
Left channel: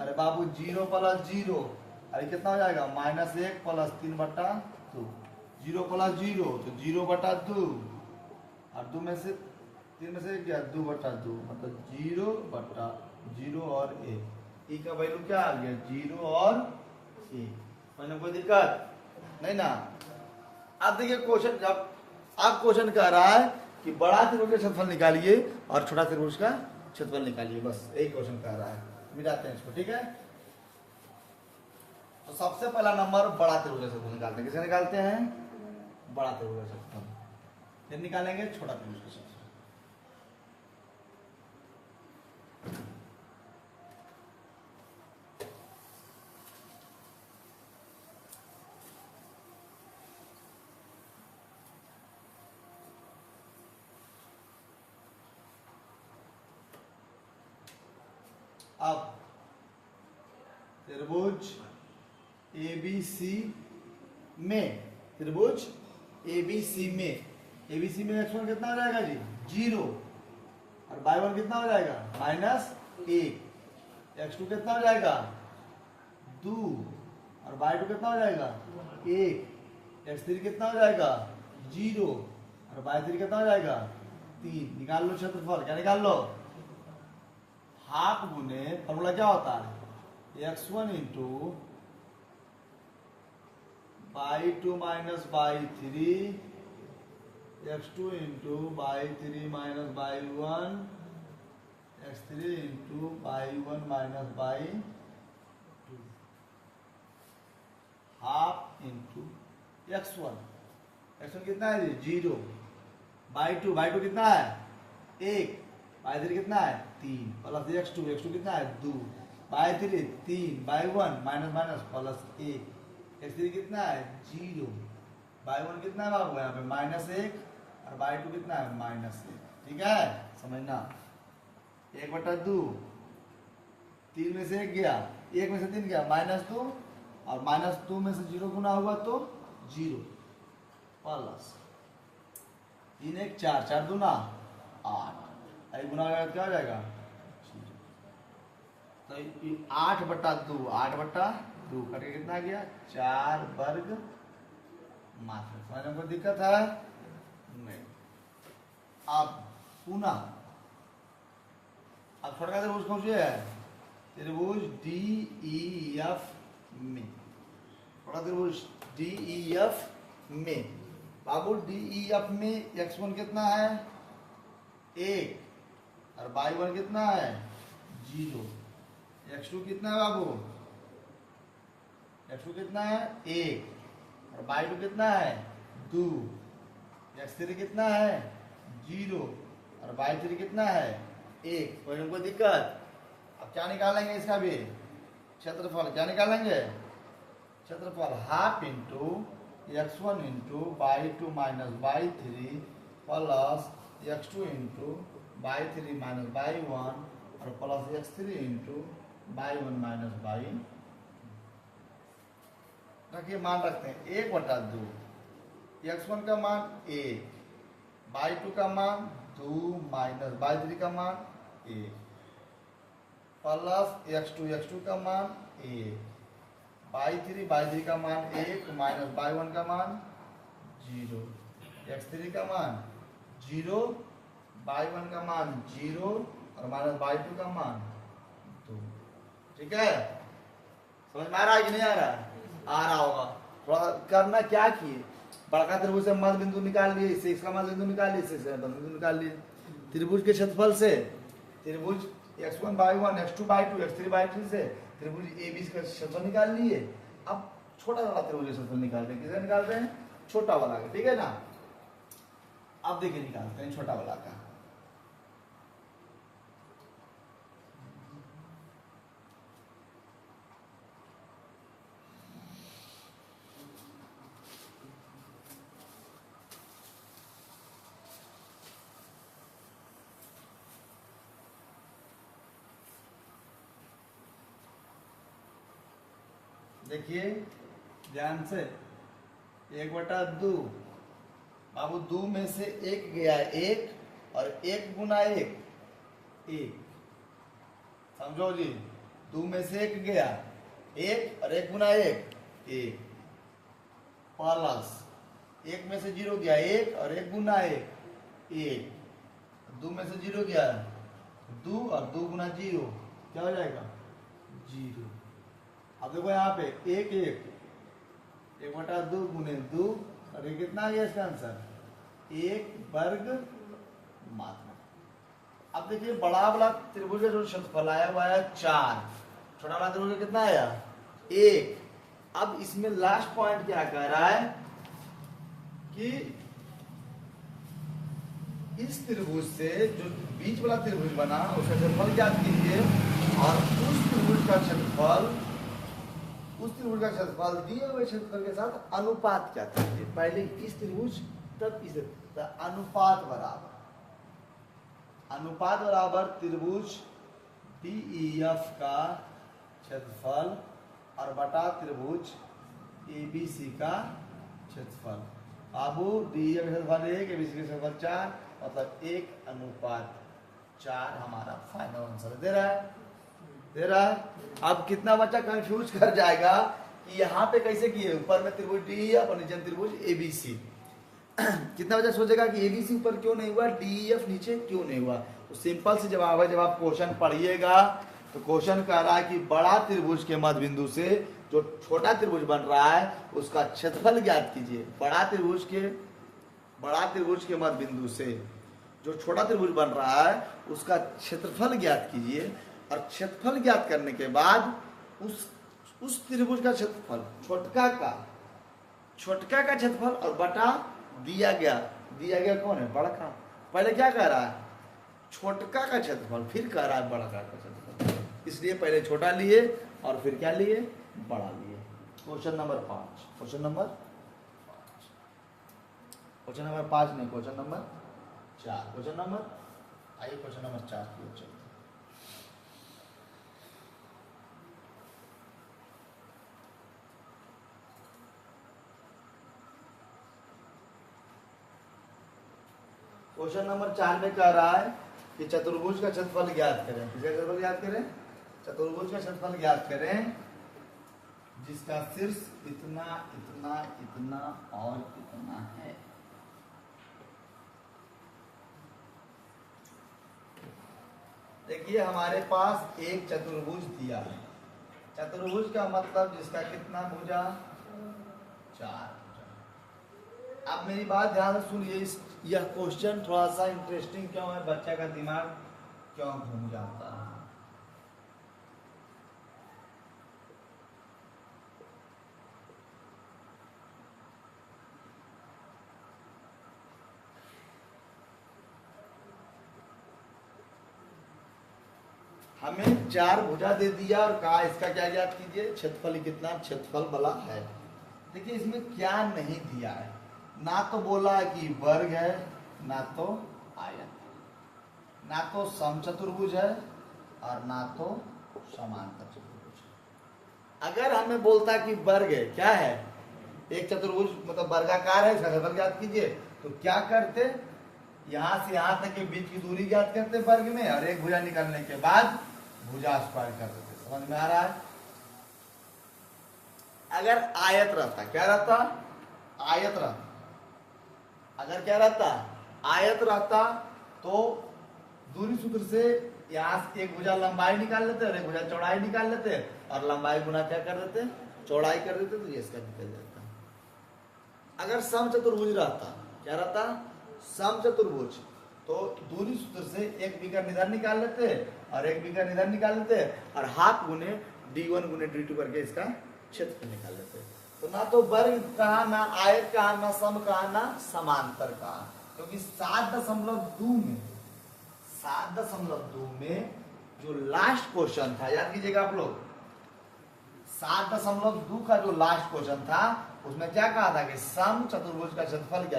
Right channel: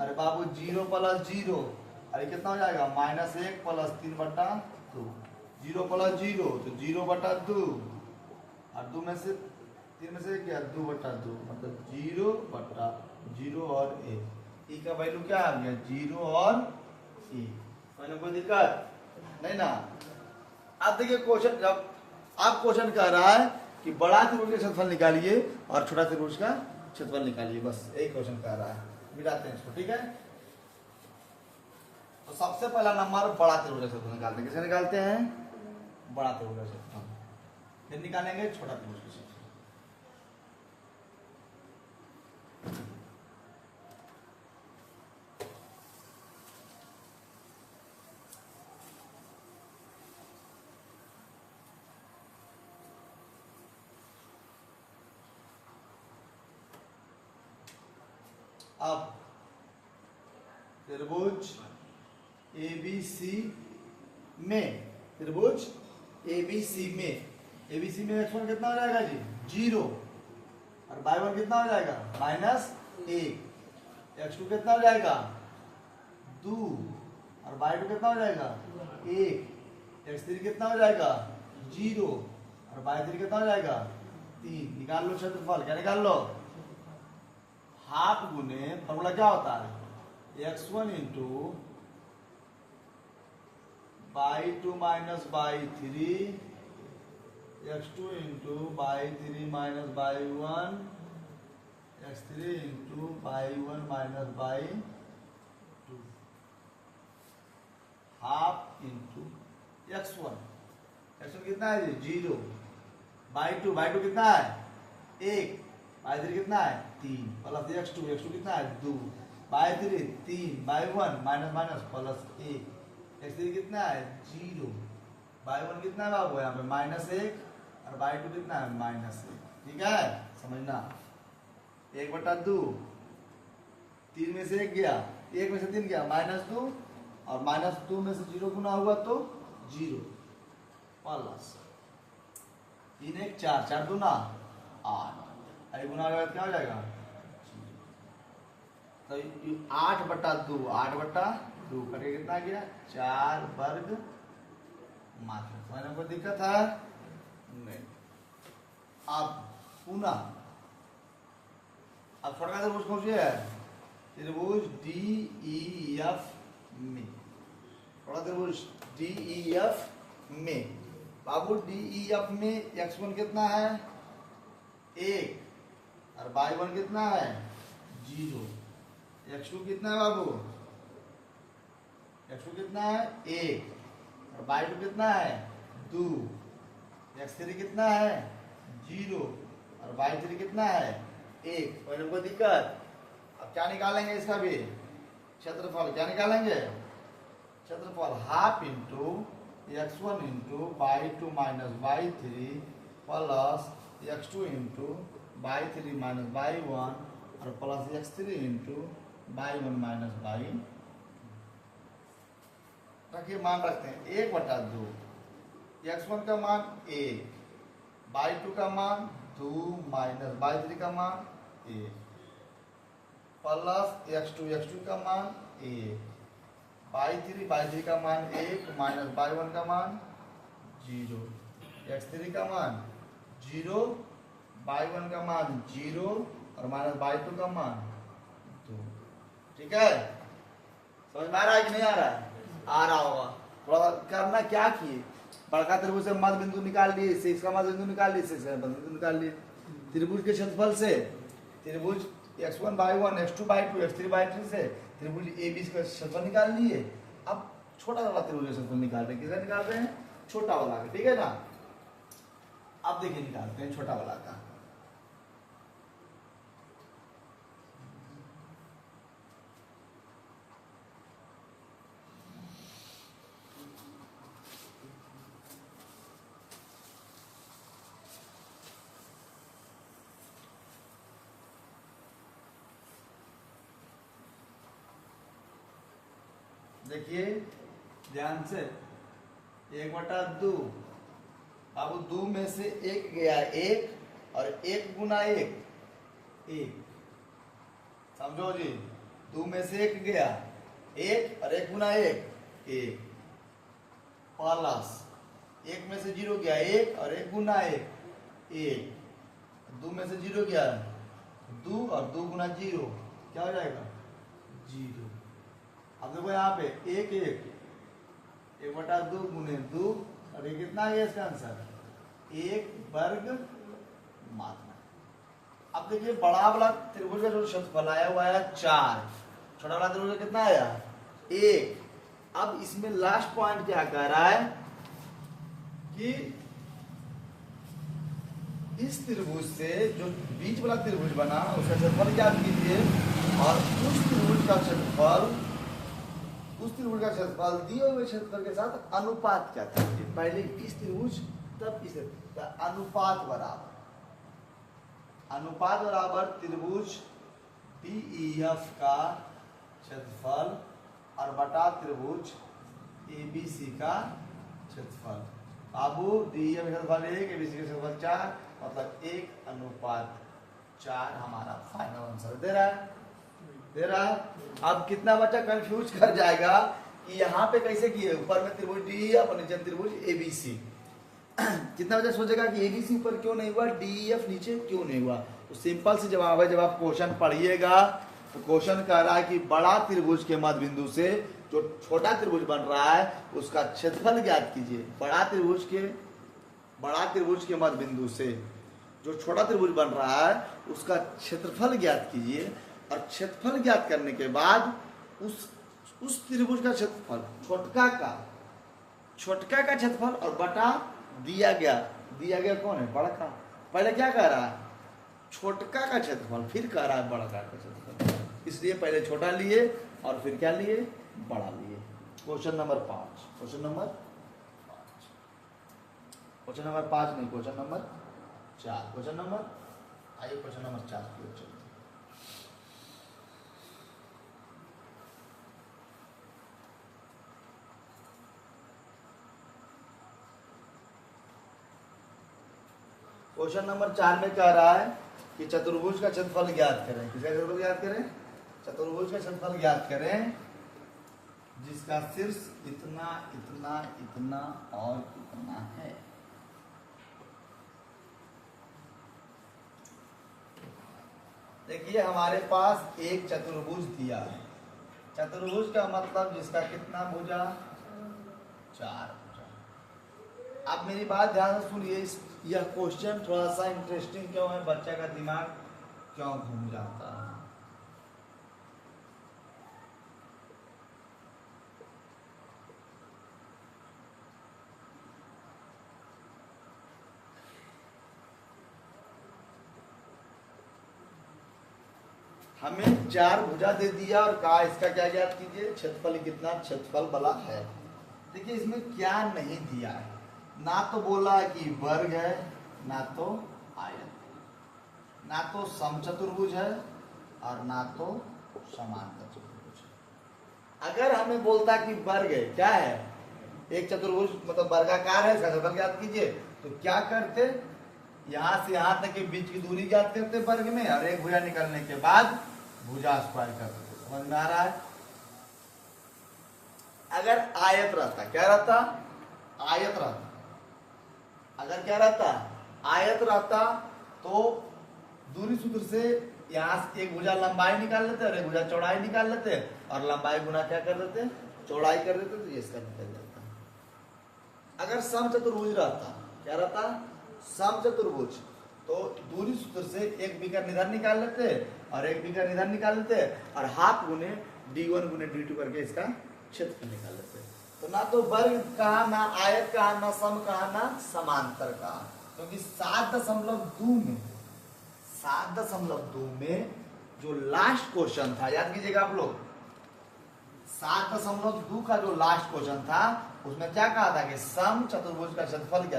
अरे बाबू 0 प्लस 0, अरे कितना हो जाएगा, -1 प्लस 3 बटा 2। 0 प्लस 0 तो 0 बटा 2 और 2 में से 3 में से क्या, 2 बटा 2, मतलब 0 बटा 0 और 1। ई का वैल्यू क्या आ गया, 0 और 1। तो कोई दिक्कत नहीं ना। अब देखिए क्वेश्चन, जब आप क्वेश्चन कह रहा है कि बड़ा त्रिभुज का क्षेत्रफल निकालिए और छोटा त्रिभुज का क्षेत्रफल निकालिए, बस यही क्वेश्चन कह रहा है। मिटाते हैं इसको, ठीक है। तो सबसे पहला नंबर बड़ा त्रिभुज का क्षेत्रफल निकालते हैं। किसे निकालते हैं, बड़ा त्रिभुज का क्षेत्रफल। फिर निकालेंगे छोटा त्रिभुज का क्षेत्रफल। अब त्रिभुज एबीसी में, त्रिभुज एबीसी में, एबीसी में x1 कितना हो जाएगा जी, 0 और y1 कितना हो जाएगा, -1। x2 कितना हो जाएगा, 2 और y2 कितना हो जाएगा, 1। x3 कितना हो जाएगा, 0 और y3 कितना हो जाएगा, 3। निकाल लो क्षेत्रफल। क्या निकाल लो, हाफ गुने फॉर्मूला क्या होता है, x1 into y2 minus y3 x2 into by 3 minus by 1 x3 into by 1 minus by 2 half into x1 कितना है जी 0 बाई 2 कितना है 1 बाई 3 कितना है 3 प्लस x2 कितना है 2 by 3 3 by 1 minus minus plus 1 x3 कितना है 0 बाई 1 कितना है बाबू यहाँ पे -1 और बाई 2 कितना है -1 ठीक है समझना 1/2 3 में से 1 गया 1 में से 3 गया -2 और -2 में से 0 गुना हुआ तो 0 प्लस 3 1 4 4 दूना 8 आई गुना लगा क्या हो जाएगा तो 8/2 8/2 करके कितना गया 4 वर्ग मात्र समझने में कोई दिक्कत है नहीं। अब पुनः अब छोटा त्रिभुज कौन सी है त्रिभुज DEF में छोटा त्रिभुज DEF में बाबू DEF में x1 कितना है 1 और y1 कितना है 0 x2 कितना है बाबू x2 कितना है 1 और y2 कितना है 2 x3 कितना है 0 और y3 कितना है 1 कोई दिक्कत अब क्या निकालेंगे इसका भी क्षेत्रफल क्या निकालेंगे क्षेत्रफल half into x1 into y2 minus y3 plus x2 into y3 minus y1 और plus x3 into y1 minus y रखिए मान रखते हैं 1/2 x1 का मान 1 y2 का मान 2 माइनस y3 का मान 1 प्लस x2 का मान 1 y3 का मान 1 माइनस y1 का मान 0 x3 का मान 0 y1 का मान 0 और माइनस y2 का मान 2 ठीक है समझ में आ रहा है कि नहीं आ रहा आ रहा होगा थोड़ा करना क्या किए बड़का त्रिभुज से मध्य बिंदु निकाल लिए इससे इसका मध्य बिंदु निकाल लिए इससे इसका मध्य बिंदु निकाल लिए त्रिभुज के क्षेत्रफल से त्रिभुज x1/1 x2/2 x3/3 से त्रिभुज AB का क्षेत्रफल निकाल लिए अब छोटा वाला त्रिभुज का क्षेत्रफल निकाल रहे हैं किसका निकाल रहे हैं छोटा वाला का ठीक है ना अब देखिए निकालते हैं छोटा वाला का देखिए ध्यान से 1/2 बाबू 2 में से 1 गया 1 और 1 गुना 1 समझो जी 2 में से 1 गया 1 और 1 गुना 1 प्लस 1 में से 0 गया 1 और 1 गुना 1 2 में से 0 गया 2 और 2 गुना 0 क्या हो जाएगा 0 अब देखो यहाँ पे 1/2 गुने 2 और ये कितना है इसका आंसर 1 वर्ग मात्रा। अब देखिए बड़ा वाला त्रिभुज का जो क्षेत्रफल आया हुआ है 4 छोटा वाला त्रिभुज कितना आया 1 अब इसमें लास्ट पॉइंट क्या कह रहा है कि इस त्रिभुज से जो बीच वाला त्रिभुज बना उसका क्षेत्रफल ज्ञात कीजिए और उस त्रिभुज का क्षेत्रफल दिए हुए क्षेत्रफल के साथ अनुपात क्या कीजिए पहले इस त्रिभुज तब इस अनुपात बराबर त्रिभुज DEF का क्षेत्रफल और बटा त्रिभुज ABC का क्षेत्रफल बाबू DEF का क्षेत्रफल 1 ABC का क्षेत्रफल 4 मतलब 1/4 हमारा फाइनल आंसर दे रहा है अब कितना बच्चा कंफ्यूज कर जाएगा कि यहाँ पे कैसे किए ऊपर में त्रिभुज DEF और नीचे त्रिभुज ABC कितना बच्चा सोचेगा कि ABC ऊपर क्यों नहीं हुआ DEF नीचे क्यों नहीं हुआ तो सिंपल से जवाब है जब आप क्वेश्चन पढ़िएगा तो क्वेश्चन कह रहा है कि बड़ा त्रिभुज के मध्य बिंदु से जो छोटा त्रिभुज बन रहा है उसका क्षेत्रफल ज्ञात कीजिए बड़ा त्रिभुज के बड़ा त्रिभुज के मध्य बिंदु से जो छोटा त्रिभुज बन रहा है उसका क्षेत्रफल ज्ञात कीजिए, और क्षेत्रफल ज्ञात करने के बाद उस त्रिभुज का क्षेत्रफल छोटका का क्षेत्रफल और बटा दिया गया कौन है, बड़का। पहले क्या कह रहा है, छोटका का क्षेत्रफल, फिर कह रहा है बड़का का क्षेत्रफल, इसलिए पहले छोटा लिए और फिर क्या लिए, बड़ा लिए। क्वेश्चन नंबर 5, क्वेश्चन नंबर 5 नहीं, क्वेश्चन नंबर 4, क्वेश्चन नंबर 4 की ओर चलते हैं। क्वेश्चन नंबर 4 में कह रहा है कि चतुर्भुज का क्षेत्रफल ज्ञात करें। किसका क्षेत्रफल ज्ञात करें, चतुर्भुज का क्षेत्रफल ज्ञात करें जिसका शीर्ष इतना इतना इतना और इतना है। देखिए हमारे पास एक चतुर्भुज दिया है, चतुर्भुज का मतलब जिसका कितना भुजा, 4 भुजा। आप मेरी बात ध्यान से सुनिए, यह क्वेश्चन थोड़ा सा इंटरेस्टिंग क्यों है, बच्चा का दिमाग क्यों घूम जाता है। हमें 4 भुजा दे दिया और कहा इसका क्या ज्ञात कीजिए, क्षेत्रफल कितना, क्षेत्रफल बला है। देखिए इसमें क्या नहीं दिया है, ना तो बोला कि वर्ग है, ना तो आयत, ना तो समचतुर्भुज है और ना तो समांतर चतुर्भुज। अगर हमें बोलता कि वर्ग है, क्या है, एक चतुर्भुज मतलब वर्गाकार है, इसका क्षेत्रफल ज्ञात कीजिए, तो क्या करते, यहां से यहां तक के बीच की दूरी ज्ञात करते वर्ग में, और एक भुजा निकालने के बाद भुजा स्क्वायर कर देते। समझ में आ रहा है। अगर आयत रहता, क्या रहता, आयत रहता, अगर क्या रहता, आयत रहता, तो दूरी सूत्र से यहां से एक भुजा लंबाई निकाल लेते और एक भुजा चौड़ाई निकाल लेते, और लंबाई गुना क्या कर देते, चौड़ाई कर देते, तो ये इसका निकल जाता। अगर समचतुर्भुज रहता, क्या रहता, समचतुर्भुज, तो दूरी सूत्र से एक विकर्ण इधर निकाल लेते और एक विकर्ण इधर निकाल लेते, और हाफ गुने d1 गुने d2 करके इसका क्षेत्रफल निकाल लेते। तो ना तो वर्ग कहा, ना आयत कहा, ना सम कहा, ना समांतर कहा, क्योंकि 7.2 में जो लास्ट क्वेश्चन था, याद कीजिएगा आप लोग, 7.2 का जो लास्ट क्वेश्चन था उसमें क्या कहा था कि सम चतुर्भुज का क्षेत्रफल क्या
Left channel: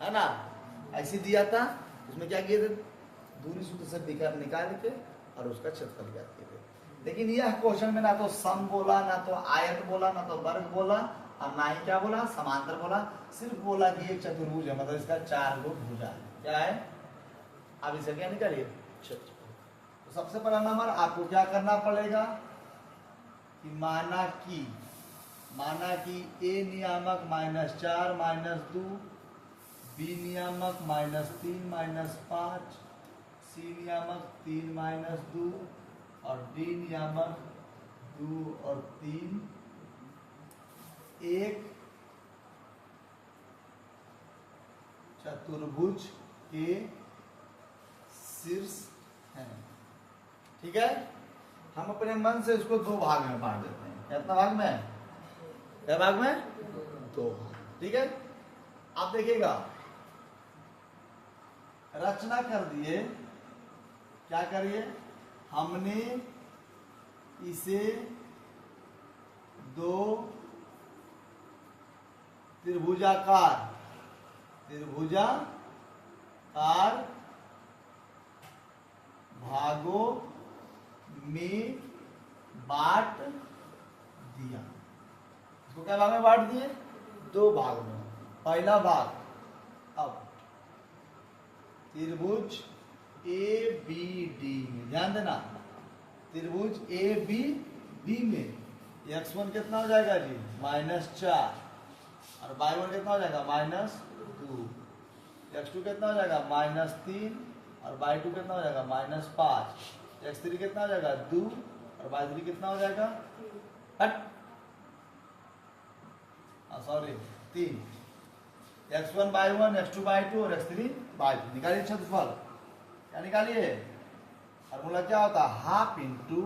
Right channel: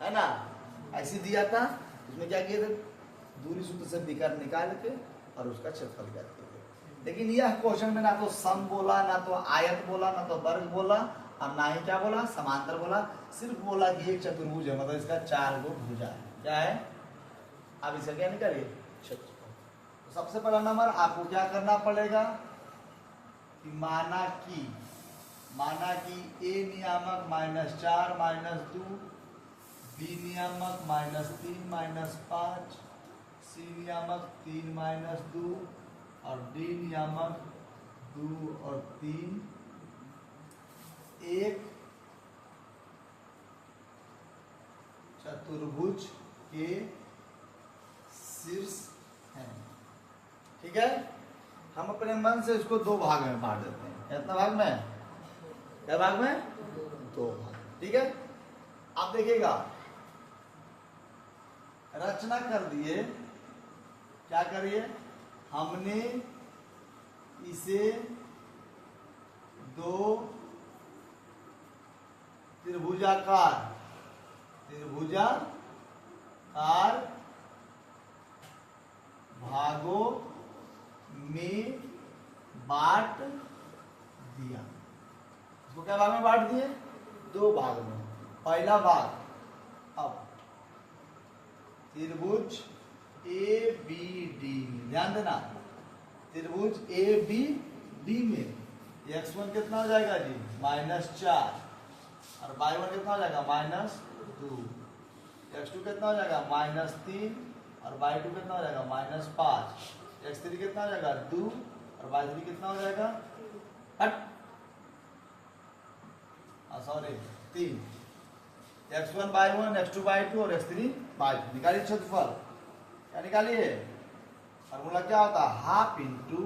है ना, ऐसे दिया था। उसमें क्या किए थे, दूरी सूत्र से विकर्ण निकाल के और उसका क्षेत्रफल ज्ञात किए। लेकिन यह क्वेश्चन में ना तो सम बोला, ना तो आयत बोला, ना तो वर्ग बोला, और ना ही क्या बोला, समांतर बोला, सिर्फ बोला कि एक चतुर्भुज है, मतलब इसका 4 गो भुजा है। क्या है, अब इसे क्या निकालिए, क्षेत्रफल। तो सबसे पहला नंबर आपको क्या करना पड़ेगा कि माना कि a नियामक -4 -2, b नियामक -3 -5, c नियामक 3 -2 और d नियामक 2 और 3 एक चतुर्भुज के शीर्ष है। ठीक है, हम अपने मन से इसको 2 भाग में बांट देते हैं। कितना भाग में, क्या भाग में, 2 भाग। ठीक है, आप देखिएगा रचना कर दिए, क्या करिए, हमने इसे 2 त्रिभुजाकार भागों में बांट दिया। इसको क्या भाग में बांट दिए, 2 भाग में। पहला भाग, अब त्रिभुज ABD में, ध्यान देना, त्रिभुज ABD में x1 कितना हो जाएगा जी, -4, और y1 कितना हो जाएगा, -2, x2 कितना हो जाएगा, -3, और y2 कितना हो जाएगा, -5, x3 कितना हो जाएगा, 2, और y3 कितना हो जाएगा, सॉरी 3, x1/1 x2/2 और x3/2 निकालिए क्षेत्रफल। क्या निकालिए? फॉर्मूला क्या होता है? Half into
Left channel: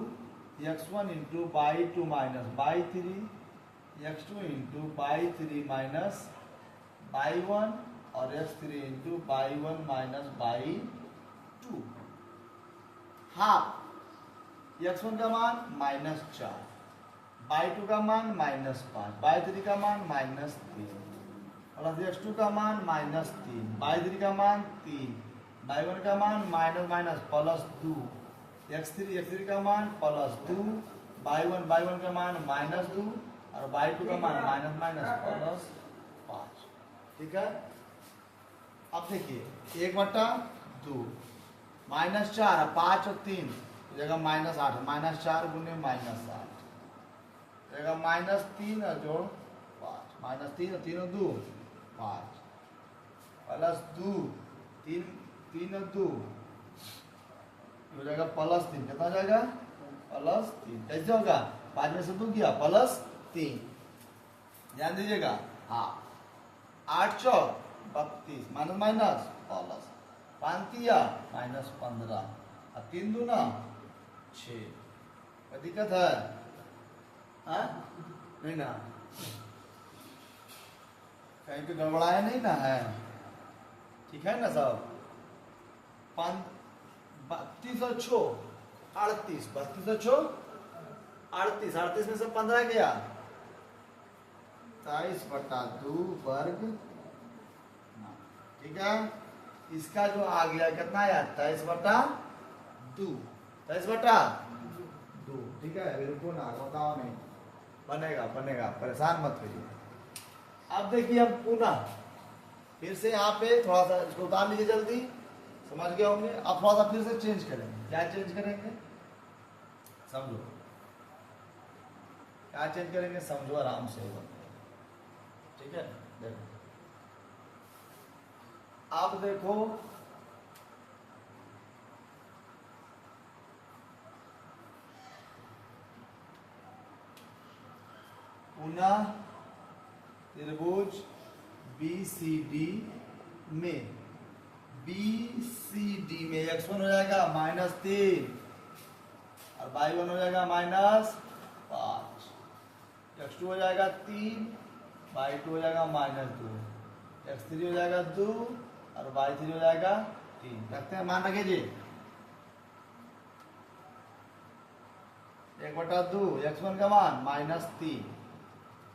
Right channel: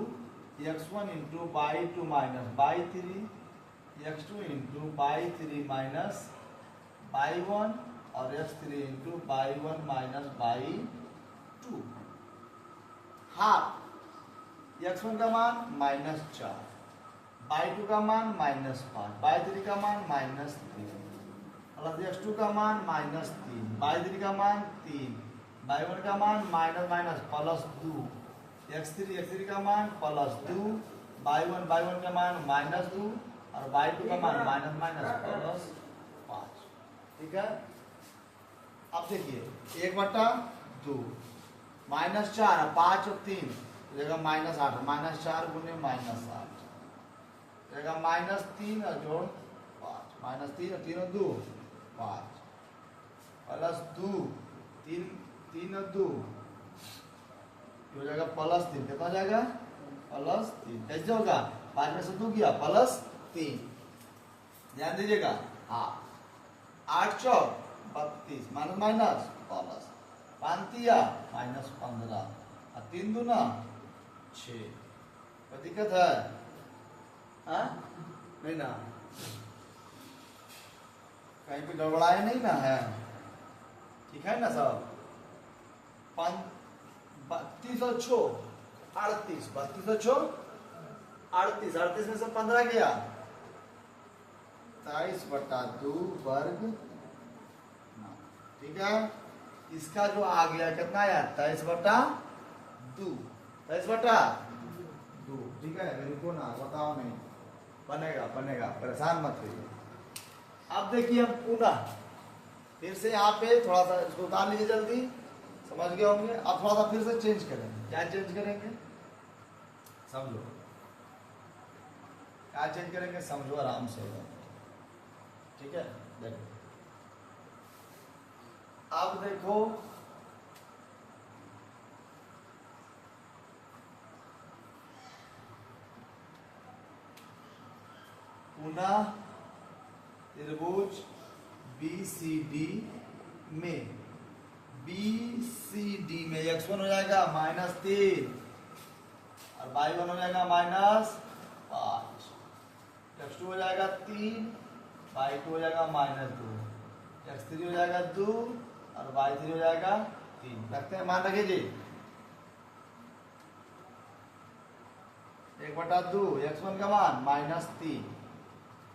x1 into by 2 minus by 3 x2 into by 3 minus by 1 और x3 into by 1 minus by 2। Half x1 का मान -4, बाई 2 का मान -5, बाई 3 का मान -3 प्लस x2 का मान -3, बाई 3 का मान 3, बाई 1 का मान माइनस प्लस 2, x3 का मान +2, बाई 1 का मान -2 और बाई 2 का मान -+ 5। ठीक है। अब देखिए 1/2 -4 5 और 3 जगह -8 -4 गुने -8 जगह -3 और जोड़ 5 -3 और 3 और 2 5 प्लस 2 3 और 2 हो जाएगा +3। कितना हो जाएगा? +3। कैसे होगा? 5 में से 2 गया +3। ध्यान दीजिएगा। हाँ 8 चौक 32 माइनस प्लस 5 तिया -15 और 3 दूना 6। कोई दिक्कत है? नहीं ना? कहीं पे गड़बड़ाए नहीं ना है? ठीक है ना सब? 32 और 6 38 32 और 6 38 में से 15 गया 23/2 वर्ग। ठीक है। इसका जो आ गया कितना आया? 23/2 23/2। ठीक है। रुको ना, बताओ नहीं बनेगा परेशान मत करिए। अब देखिए हम पुनः फिर से यहाँ पे थोड़ा सा इसको उतार लीजिए जल्दी, समझ गए होंगे। अब थोड़ा सा फिर से चेंज करेंगे। क्या चेंज करेंगे? समझो क्या चेंज करेंगे, समझो आराम से। ठीक है। देखो अब देखो पुनः त्रिभुज BCD में x1 हो जाएगा -3 और y1 हो जाएगा -5, x2 हो जाएगा 3, y2 हो जाएगा -2, x3 हो जाएगा 2 और y3 हो जाएगा 3। रखते हैं, मान रखिए जी। 1/2 x1 का मान -3,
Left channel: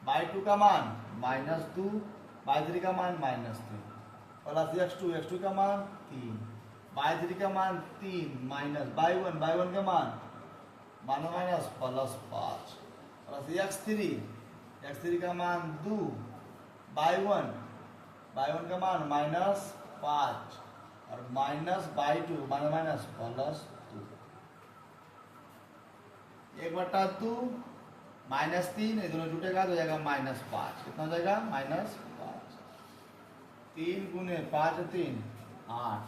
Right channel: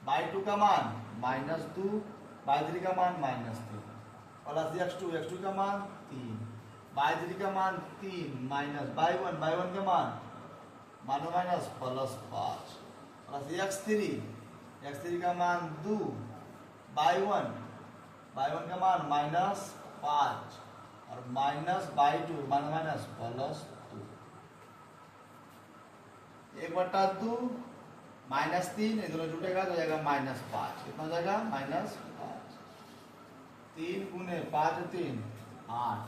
y2 का मान -2, y3 का मान -3 प्लस x2 का मान 3, y3 का मान 3 माइनस y1 का मान -+ 5 प्लस x3 का मान 2, y1 का मान -5 और माइनस y2 -+ 2। 1/2 -3 ये दोनों जुटेगा तो जाएगा -5। कितना हो जाएगा? -5। 3 गुने 5 3 8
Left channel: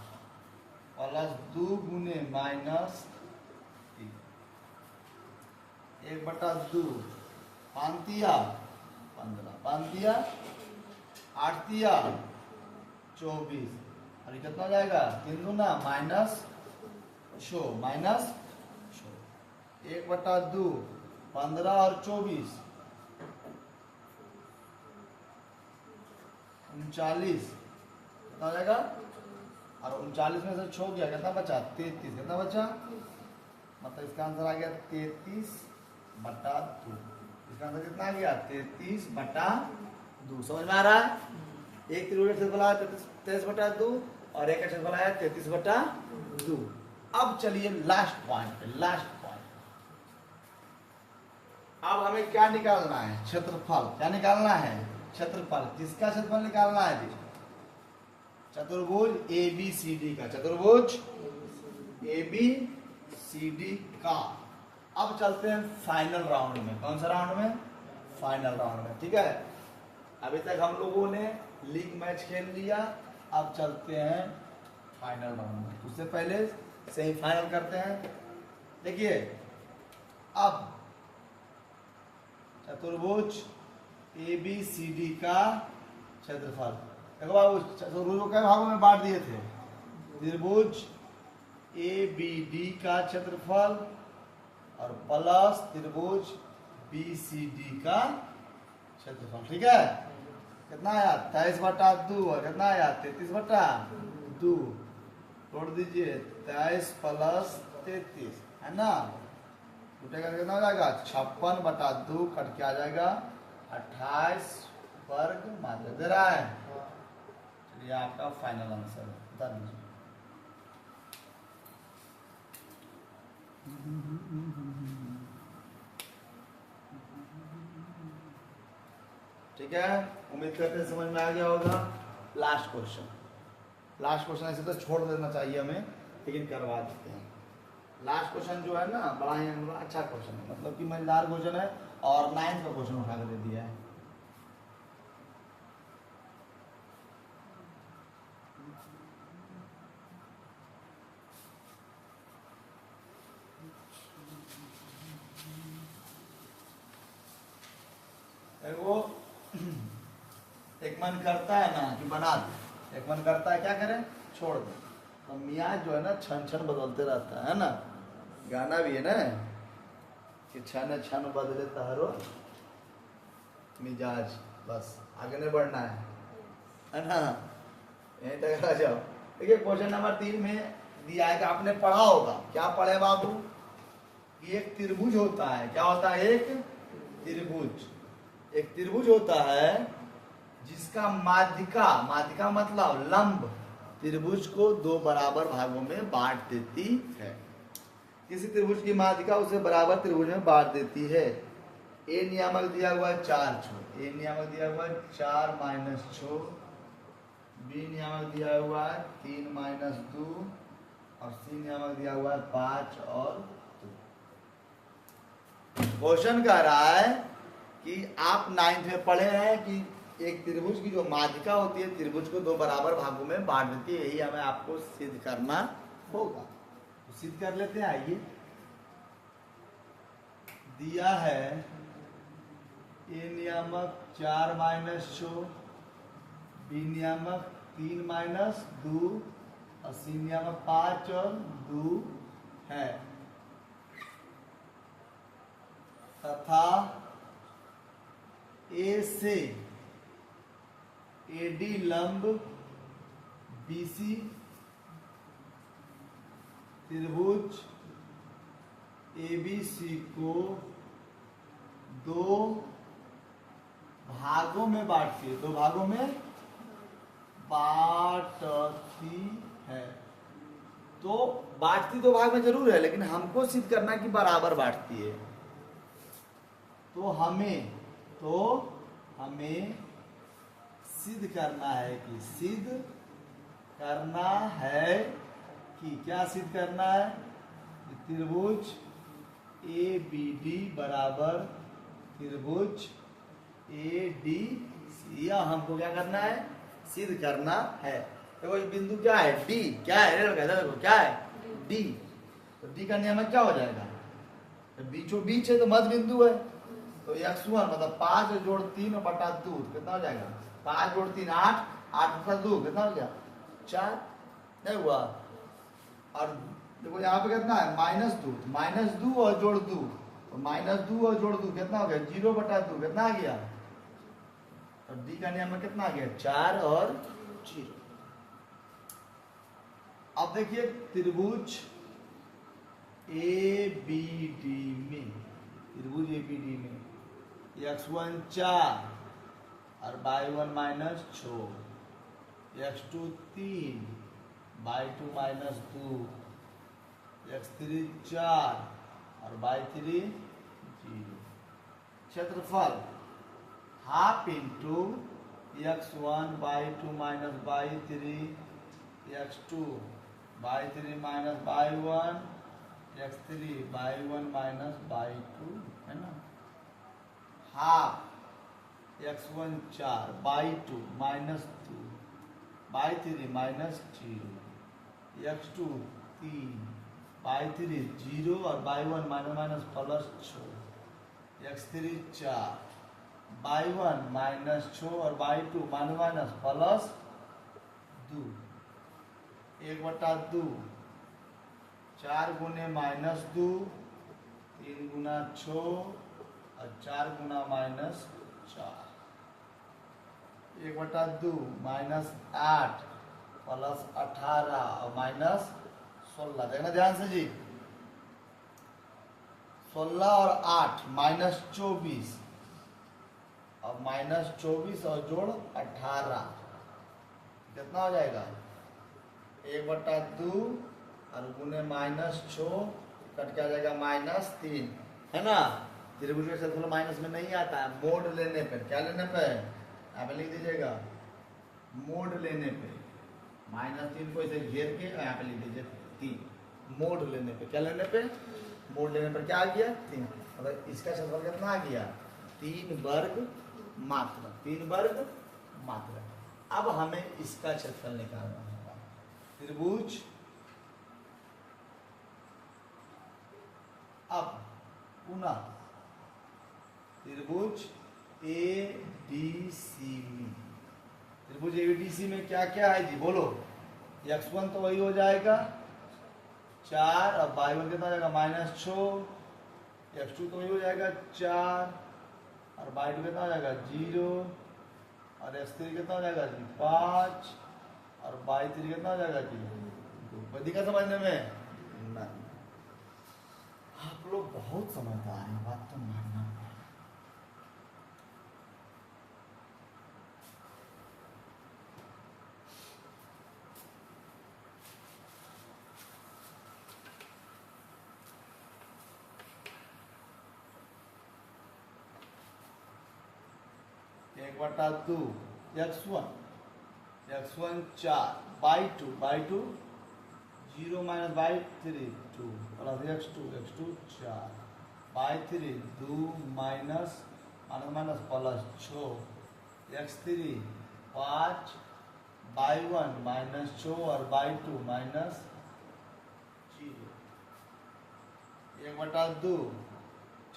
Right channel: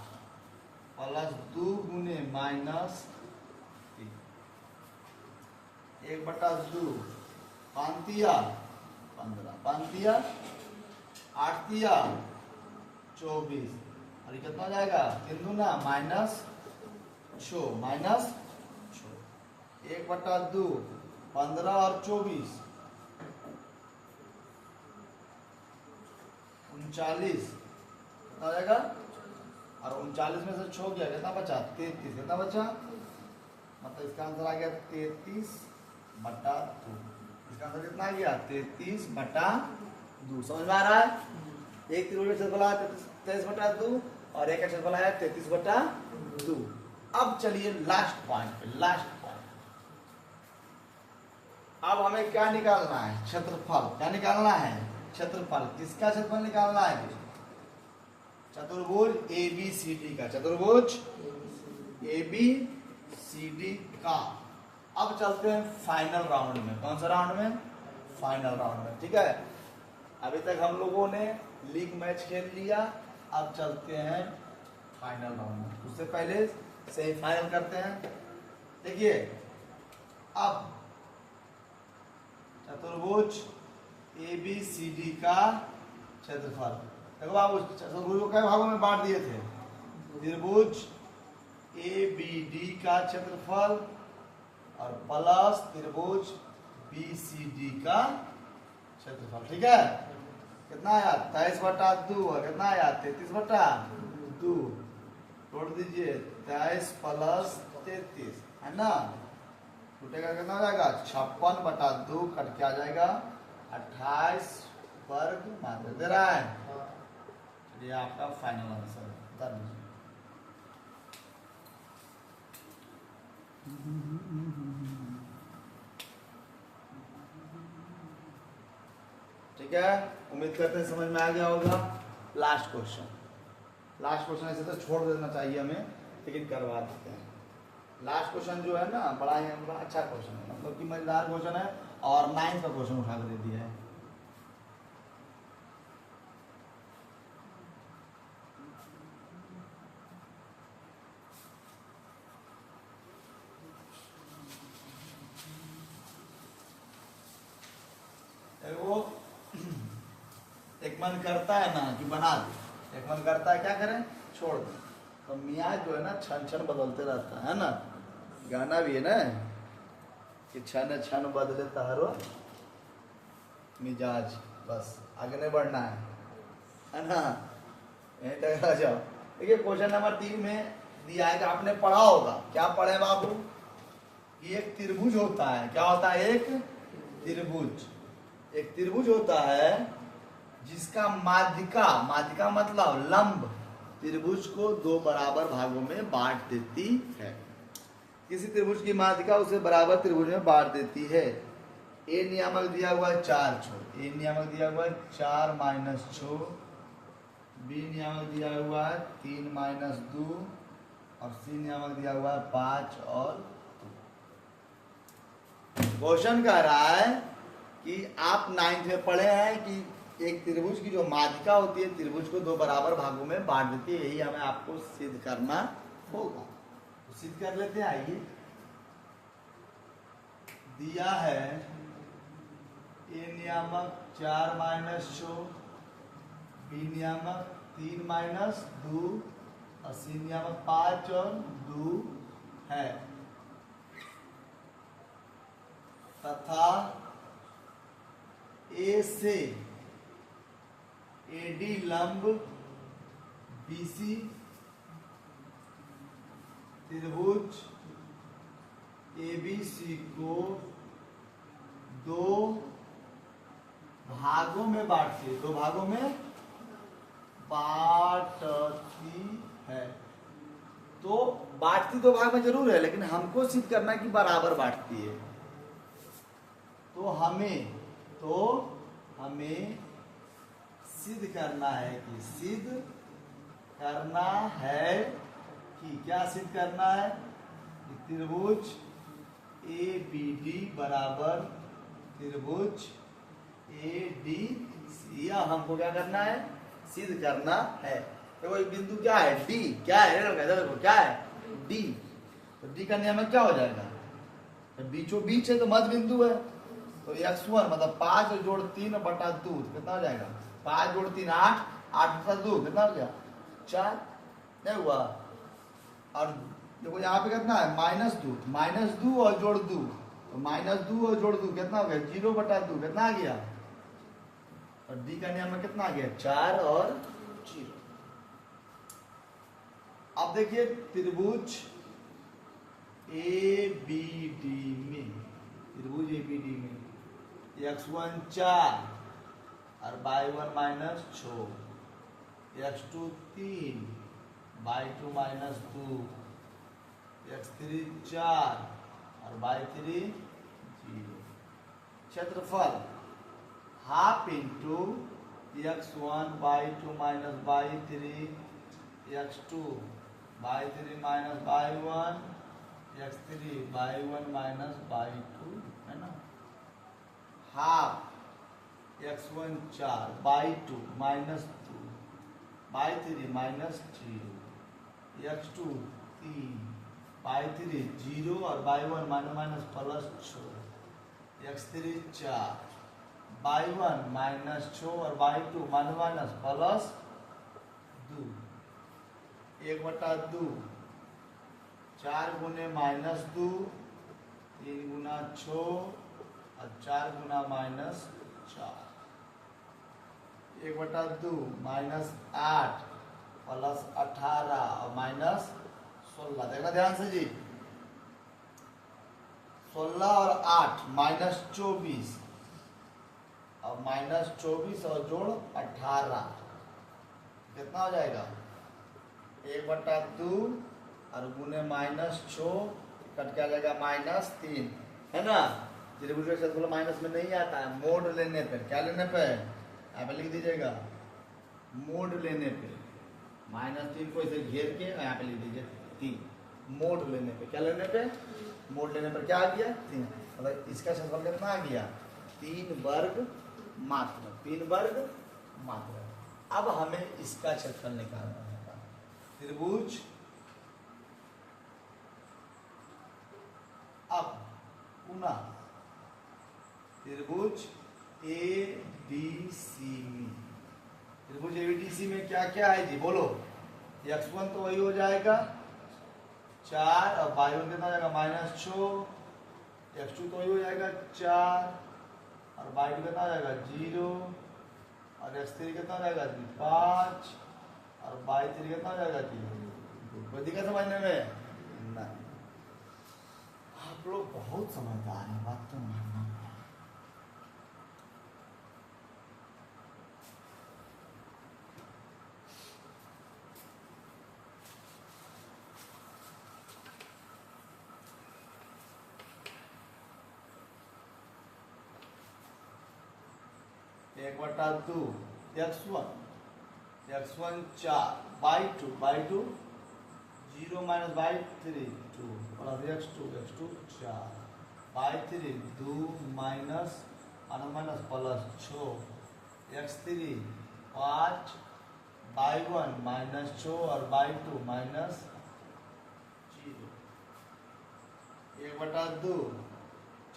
प्लस 2 गुने -3। 1/2 5 तिया 15 5 तिया 8 तिया 24 और कितना हो जाएगा? 3 गुना -6 1/2 15 और 24 39 कितना हो जाएगा? और 39 में से 6 गया कितना बचा? 33। कितना बचा? मतलब इसका आंसर आ गया 33/2। इसका आंसर कितना आ गया? 33/2। समझ में आ रहा है? एक त्रिभुज का क्षेत्रफल आया 33/2 और एक का क्षेत्रफल आया 33/2। अब चलिए लास्ट पॉइंट। अब हमें क्या निकालना है? क्षेत्रफल। क्या निकालना है? क्षेत्रफल। किसका क्षेत्रफल निकालना है? चतुर्भुज ABCD का। चतुर्भुज ABCD का। अब चलते हैं फाइनल राउंड में। कौन सा राउंड में? फाइनल राउंड में। ठीक है। अभी तक हम लोगों ने लीग मैच खेल लिया, अब चलते हैं फाइनल राउंड में। उससे पहले सेमीफाइनल करते हैं। देखिए अब चतुर्भुज ABCD का क्षेत्रफल देखो बाबू त्रिभुज को कई भागों में बांट दिए थे। त्रिभुज ए बी डी का क्षेत्रफल और प्लस त्रिभुज बी सी डी का क्षेत्रफल। ठीक है, कितना आया 23/2 और कितना आया 33/2। तोड़ दीजिए 23 प्लस 33 है ना, टूटेगा कितना हो जाएगा 56/2 कट के आ जाएगा 28 वर्ग मात्र दे रहा है। ये आपका फाइनल आंसर है। ठीक है, उम्मीद करते हैं समझ में आ गया होगा। लास्ट क्वेश्चन ऐसे तो छोड़ देना चाहिए हमें, लेकिन करवा देते हैं। लास्ट क्वेश्चन जो है ना बड़ा ही अच्छा क्वेश्चन है, मतलब कि मजेदार क्वेश्चन है और 9th का क्वेश्चन उठा कर दे दिया है। वो एक मन करता है ना कि बना दे, एक मन करता है क्या करें छोड़ दे। तो मियाँ जो है ना क्षण क्षण बदलते रहता है ना, गाना भी है ना कि क्षण क्षण बदले तारो मिजाज, बस आगे नहीं बढ़ना है ना, यहीं तक आ जाओ। देखिए क्वेश्चन नंबर 3 में दिया है कि आपने पढ़ा होगा, क्या पढ़े बाबू कि एक त्रिभुज होता है। क्या होता है? एक त्रिभुज होता है जिसका माध्यिका मतलब लंब त्रिभुज को 2 बराबर भागों में बांट देती है। किसी त्रिभुज की माध्यिका उसे बराबर त्रिभुज में बांट देती है। ए नियामक दिया हुआ है 4 छो, ए नियामक दिया हुआ है 4 माइनस छो, बी नियामक दिया हुआ है 3 माइनस 2 और सी नियामक दिया हुआ है 5 और 2। क्वेश्चन कह रहा है कि आप 9th में पढ़े हैं कि एक त्रिभुज की जो माध्यिका होती है त्रिभुज को 2 बराबर भागों में बांट देती है। यही हमें आपको सिद्ध करना होगा, तो सिद्ध कर लेते हैं। आइए, दिया है ए नियामक 4 माइनस 6, बी नियामक 3 माइनस 2 और सी नियामक 5 और 2 है, तथा ए से एडी लंब बीसी त्रिभुज एबीसी को 2 भागों में बांटती है, 2 भागों में बांटती है। तो बांटती 2 भाग में जरूर है, लेकिन हमको सिद्ध करना कि बराबर बांटती है। तो हमें सिद्ध करना है कि क्या सिद्ध करना है कि त्रिभुज ए बी डी बराबर त्रिभुज ए डी सी, या हमको क्या करना है सिद्ध करना है। देखो ये बिंदु क्या है डी, क्या है देखो क्या है डी, तो डी का नियम क्या हो जाएगा, बीचों बीच है तो मध्य बिंदु है। तो x1 मतलब 5 जोड़ 3 बटा 2 कितना हो जाएगा 5 जोड़ 3 8, 8 बटा 2 कितना हो गया 4, नहीं हुआ। और देखो यहाँ पे कितना है -2 और जोड़ 2, तो -2 और जोड़ 2 कितना हो गया 0 बटा 2 कितना आ गया, और डी का नियम में कितना आ गया 4 और 0। अब देखिए त्रिभुज ए बी डी में x1 4 और y1 minus 6, x2 3 y2 minus 2, x3 4 और y3 0। क्षेत्रफल half into x1 y2 minus y3, x2 y3 minus y1, x3 y1 minus y2 है ना, half x1 4 y2 minus 2 y3 minus 0, x2 3 y3 0 और y1 minus plus 6, x3 4 y1 minus 6 और y2 minus plus 2, 1/2, 4 गुने -2, 3 गुना 6 और 4 गुना -4, 1/2 -8 plus 18 और -16। देखना ध्यान से जी, 16 और 8 -24 और -24 और जोड़ 18 कितना हो जाएगा? 1/2 और गुने -6 कट के आ जाएगा -3, है ना। त्रिभुज का क्षेत्रफल माइनस में नहीं आता है, मोड लेने पर। क्या लेने पे? यहाँ पे लिख दीजिएगा, मोड लेने पे -3 को इसे घेर के यहाँ पे लिख दीजिए 3। मोड लेने पे, क्या लेने पे? मोड लेने पर क्या आ गया? 3। मतलब इसका क्षेत्रफल कितना आ गया? 3 वर्ग मात्र, 3 वर्ग मात्र। अब हमें इसका क्षेत्रफल निकालना होगा। त्रिभुज, अब पुनः त्रिभुज एबीसी में, त्रिभुज एबीसी में क्या क्या है जी? बोलो। x1 तो वही हो जाएगा 4 और y1 कितना हो जाएगा? -6। x2 तो वही हो जाएगा 4 और y2 कितना हो जाएगा? 0 और x3 कितना हो जाएगा जी? 5 और y3 कितना हो जाएगा जी? 2। कोई दिक्कत समझने में? नहीं। आप लोग बहुत समझदार हैं, बात तो मानना। 1/2 x1 4 y2 0 - y3 2 plus x2 4 y3 2 minus plus 6 x3 5 y1 -6 और y2 -0। 1/2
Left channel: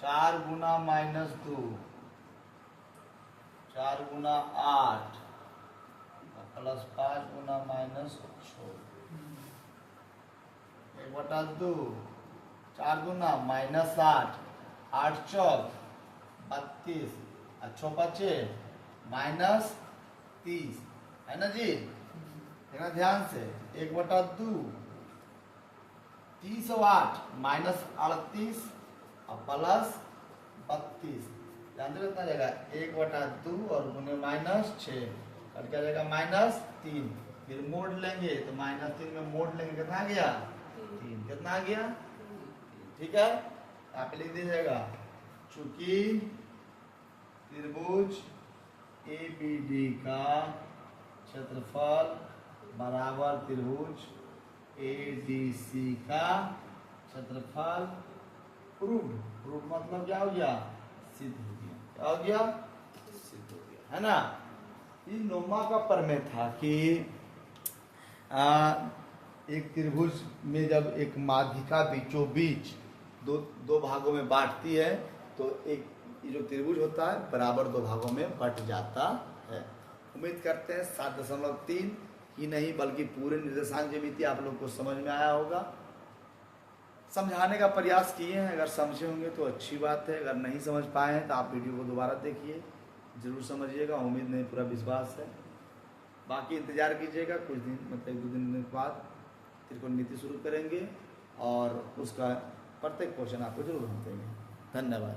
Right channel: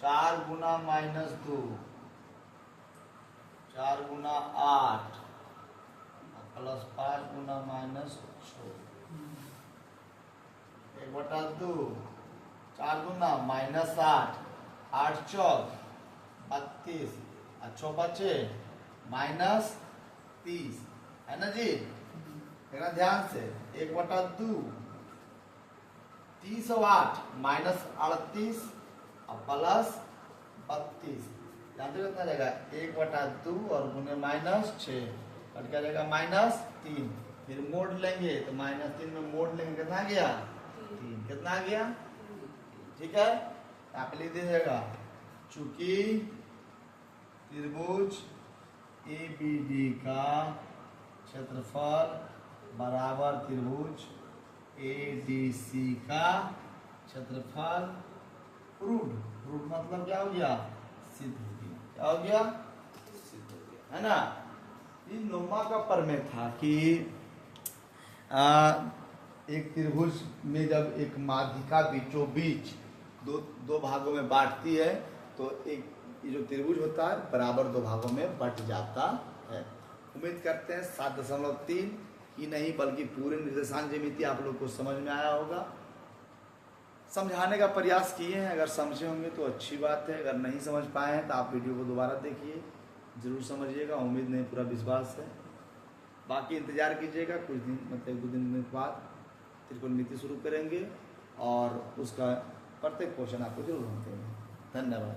4 गुना -2 4 गुना 8 प्लस 5 गुना -6। 1/2 4 गुना -8 8 चौक 32 और 6 बचे -30, है ना जी। देखना ध्यान से, 1/2 30 और 8 -38 और प्लस 32। ध्यान से कितना रहेगा? 1/2 और गुने -6 कट क्या रहेगा? -3। फिर मोड लेंगे तो -3 में मोड लेंगे, कितना आ गया? 3। कितना आ गया? ठीक है, आप लिख दीजिएगा, चूंकि त्रिभुज एबीडी का क्षेत्रफल बराबर त्रिभुज एडीसी का क्षेत्रफल प्रूफ मतलब क्या हो गया? सिद्ध हो गया। क्या हो गया? सिद्ध हो गया, है ना। इन नोमा का प्रमेय था कि एक त्रिभुज में जब एक माध्यिका बीचों बीच दो भागों में बांटती है तो एक ये जो त्रिभुज होता है बराबर 2 भागों में बट जाता है। उम्मीद करते हैं 7.3 ही नहीं बल्कि पूरे निर्देशांक ज्यामिति आप लोग को समझ में आया होगा। समझाने का प्रयास किए हैं, अगर समझे होंगे तो अच्छी बात है, अगर नहीं समझ पाए हैं तो आप वीडियो को दोबारा देखिए, जरूर समझिएगा। उम्मीद नहीं, पूरा विश्वास है। बाकी इंतजार कीजिएगा, कुछ दिन मतलब 1-2 दिन बाद त्रिकोणमिति शुरू करेंगे और उसका प्रत्येक क्वेश्चन आपको जरूर हम देंगे। धन्यवाद।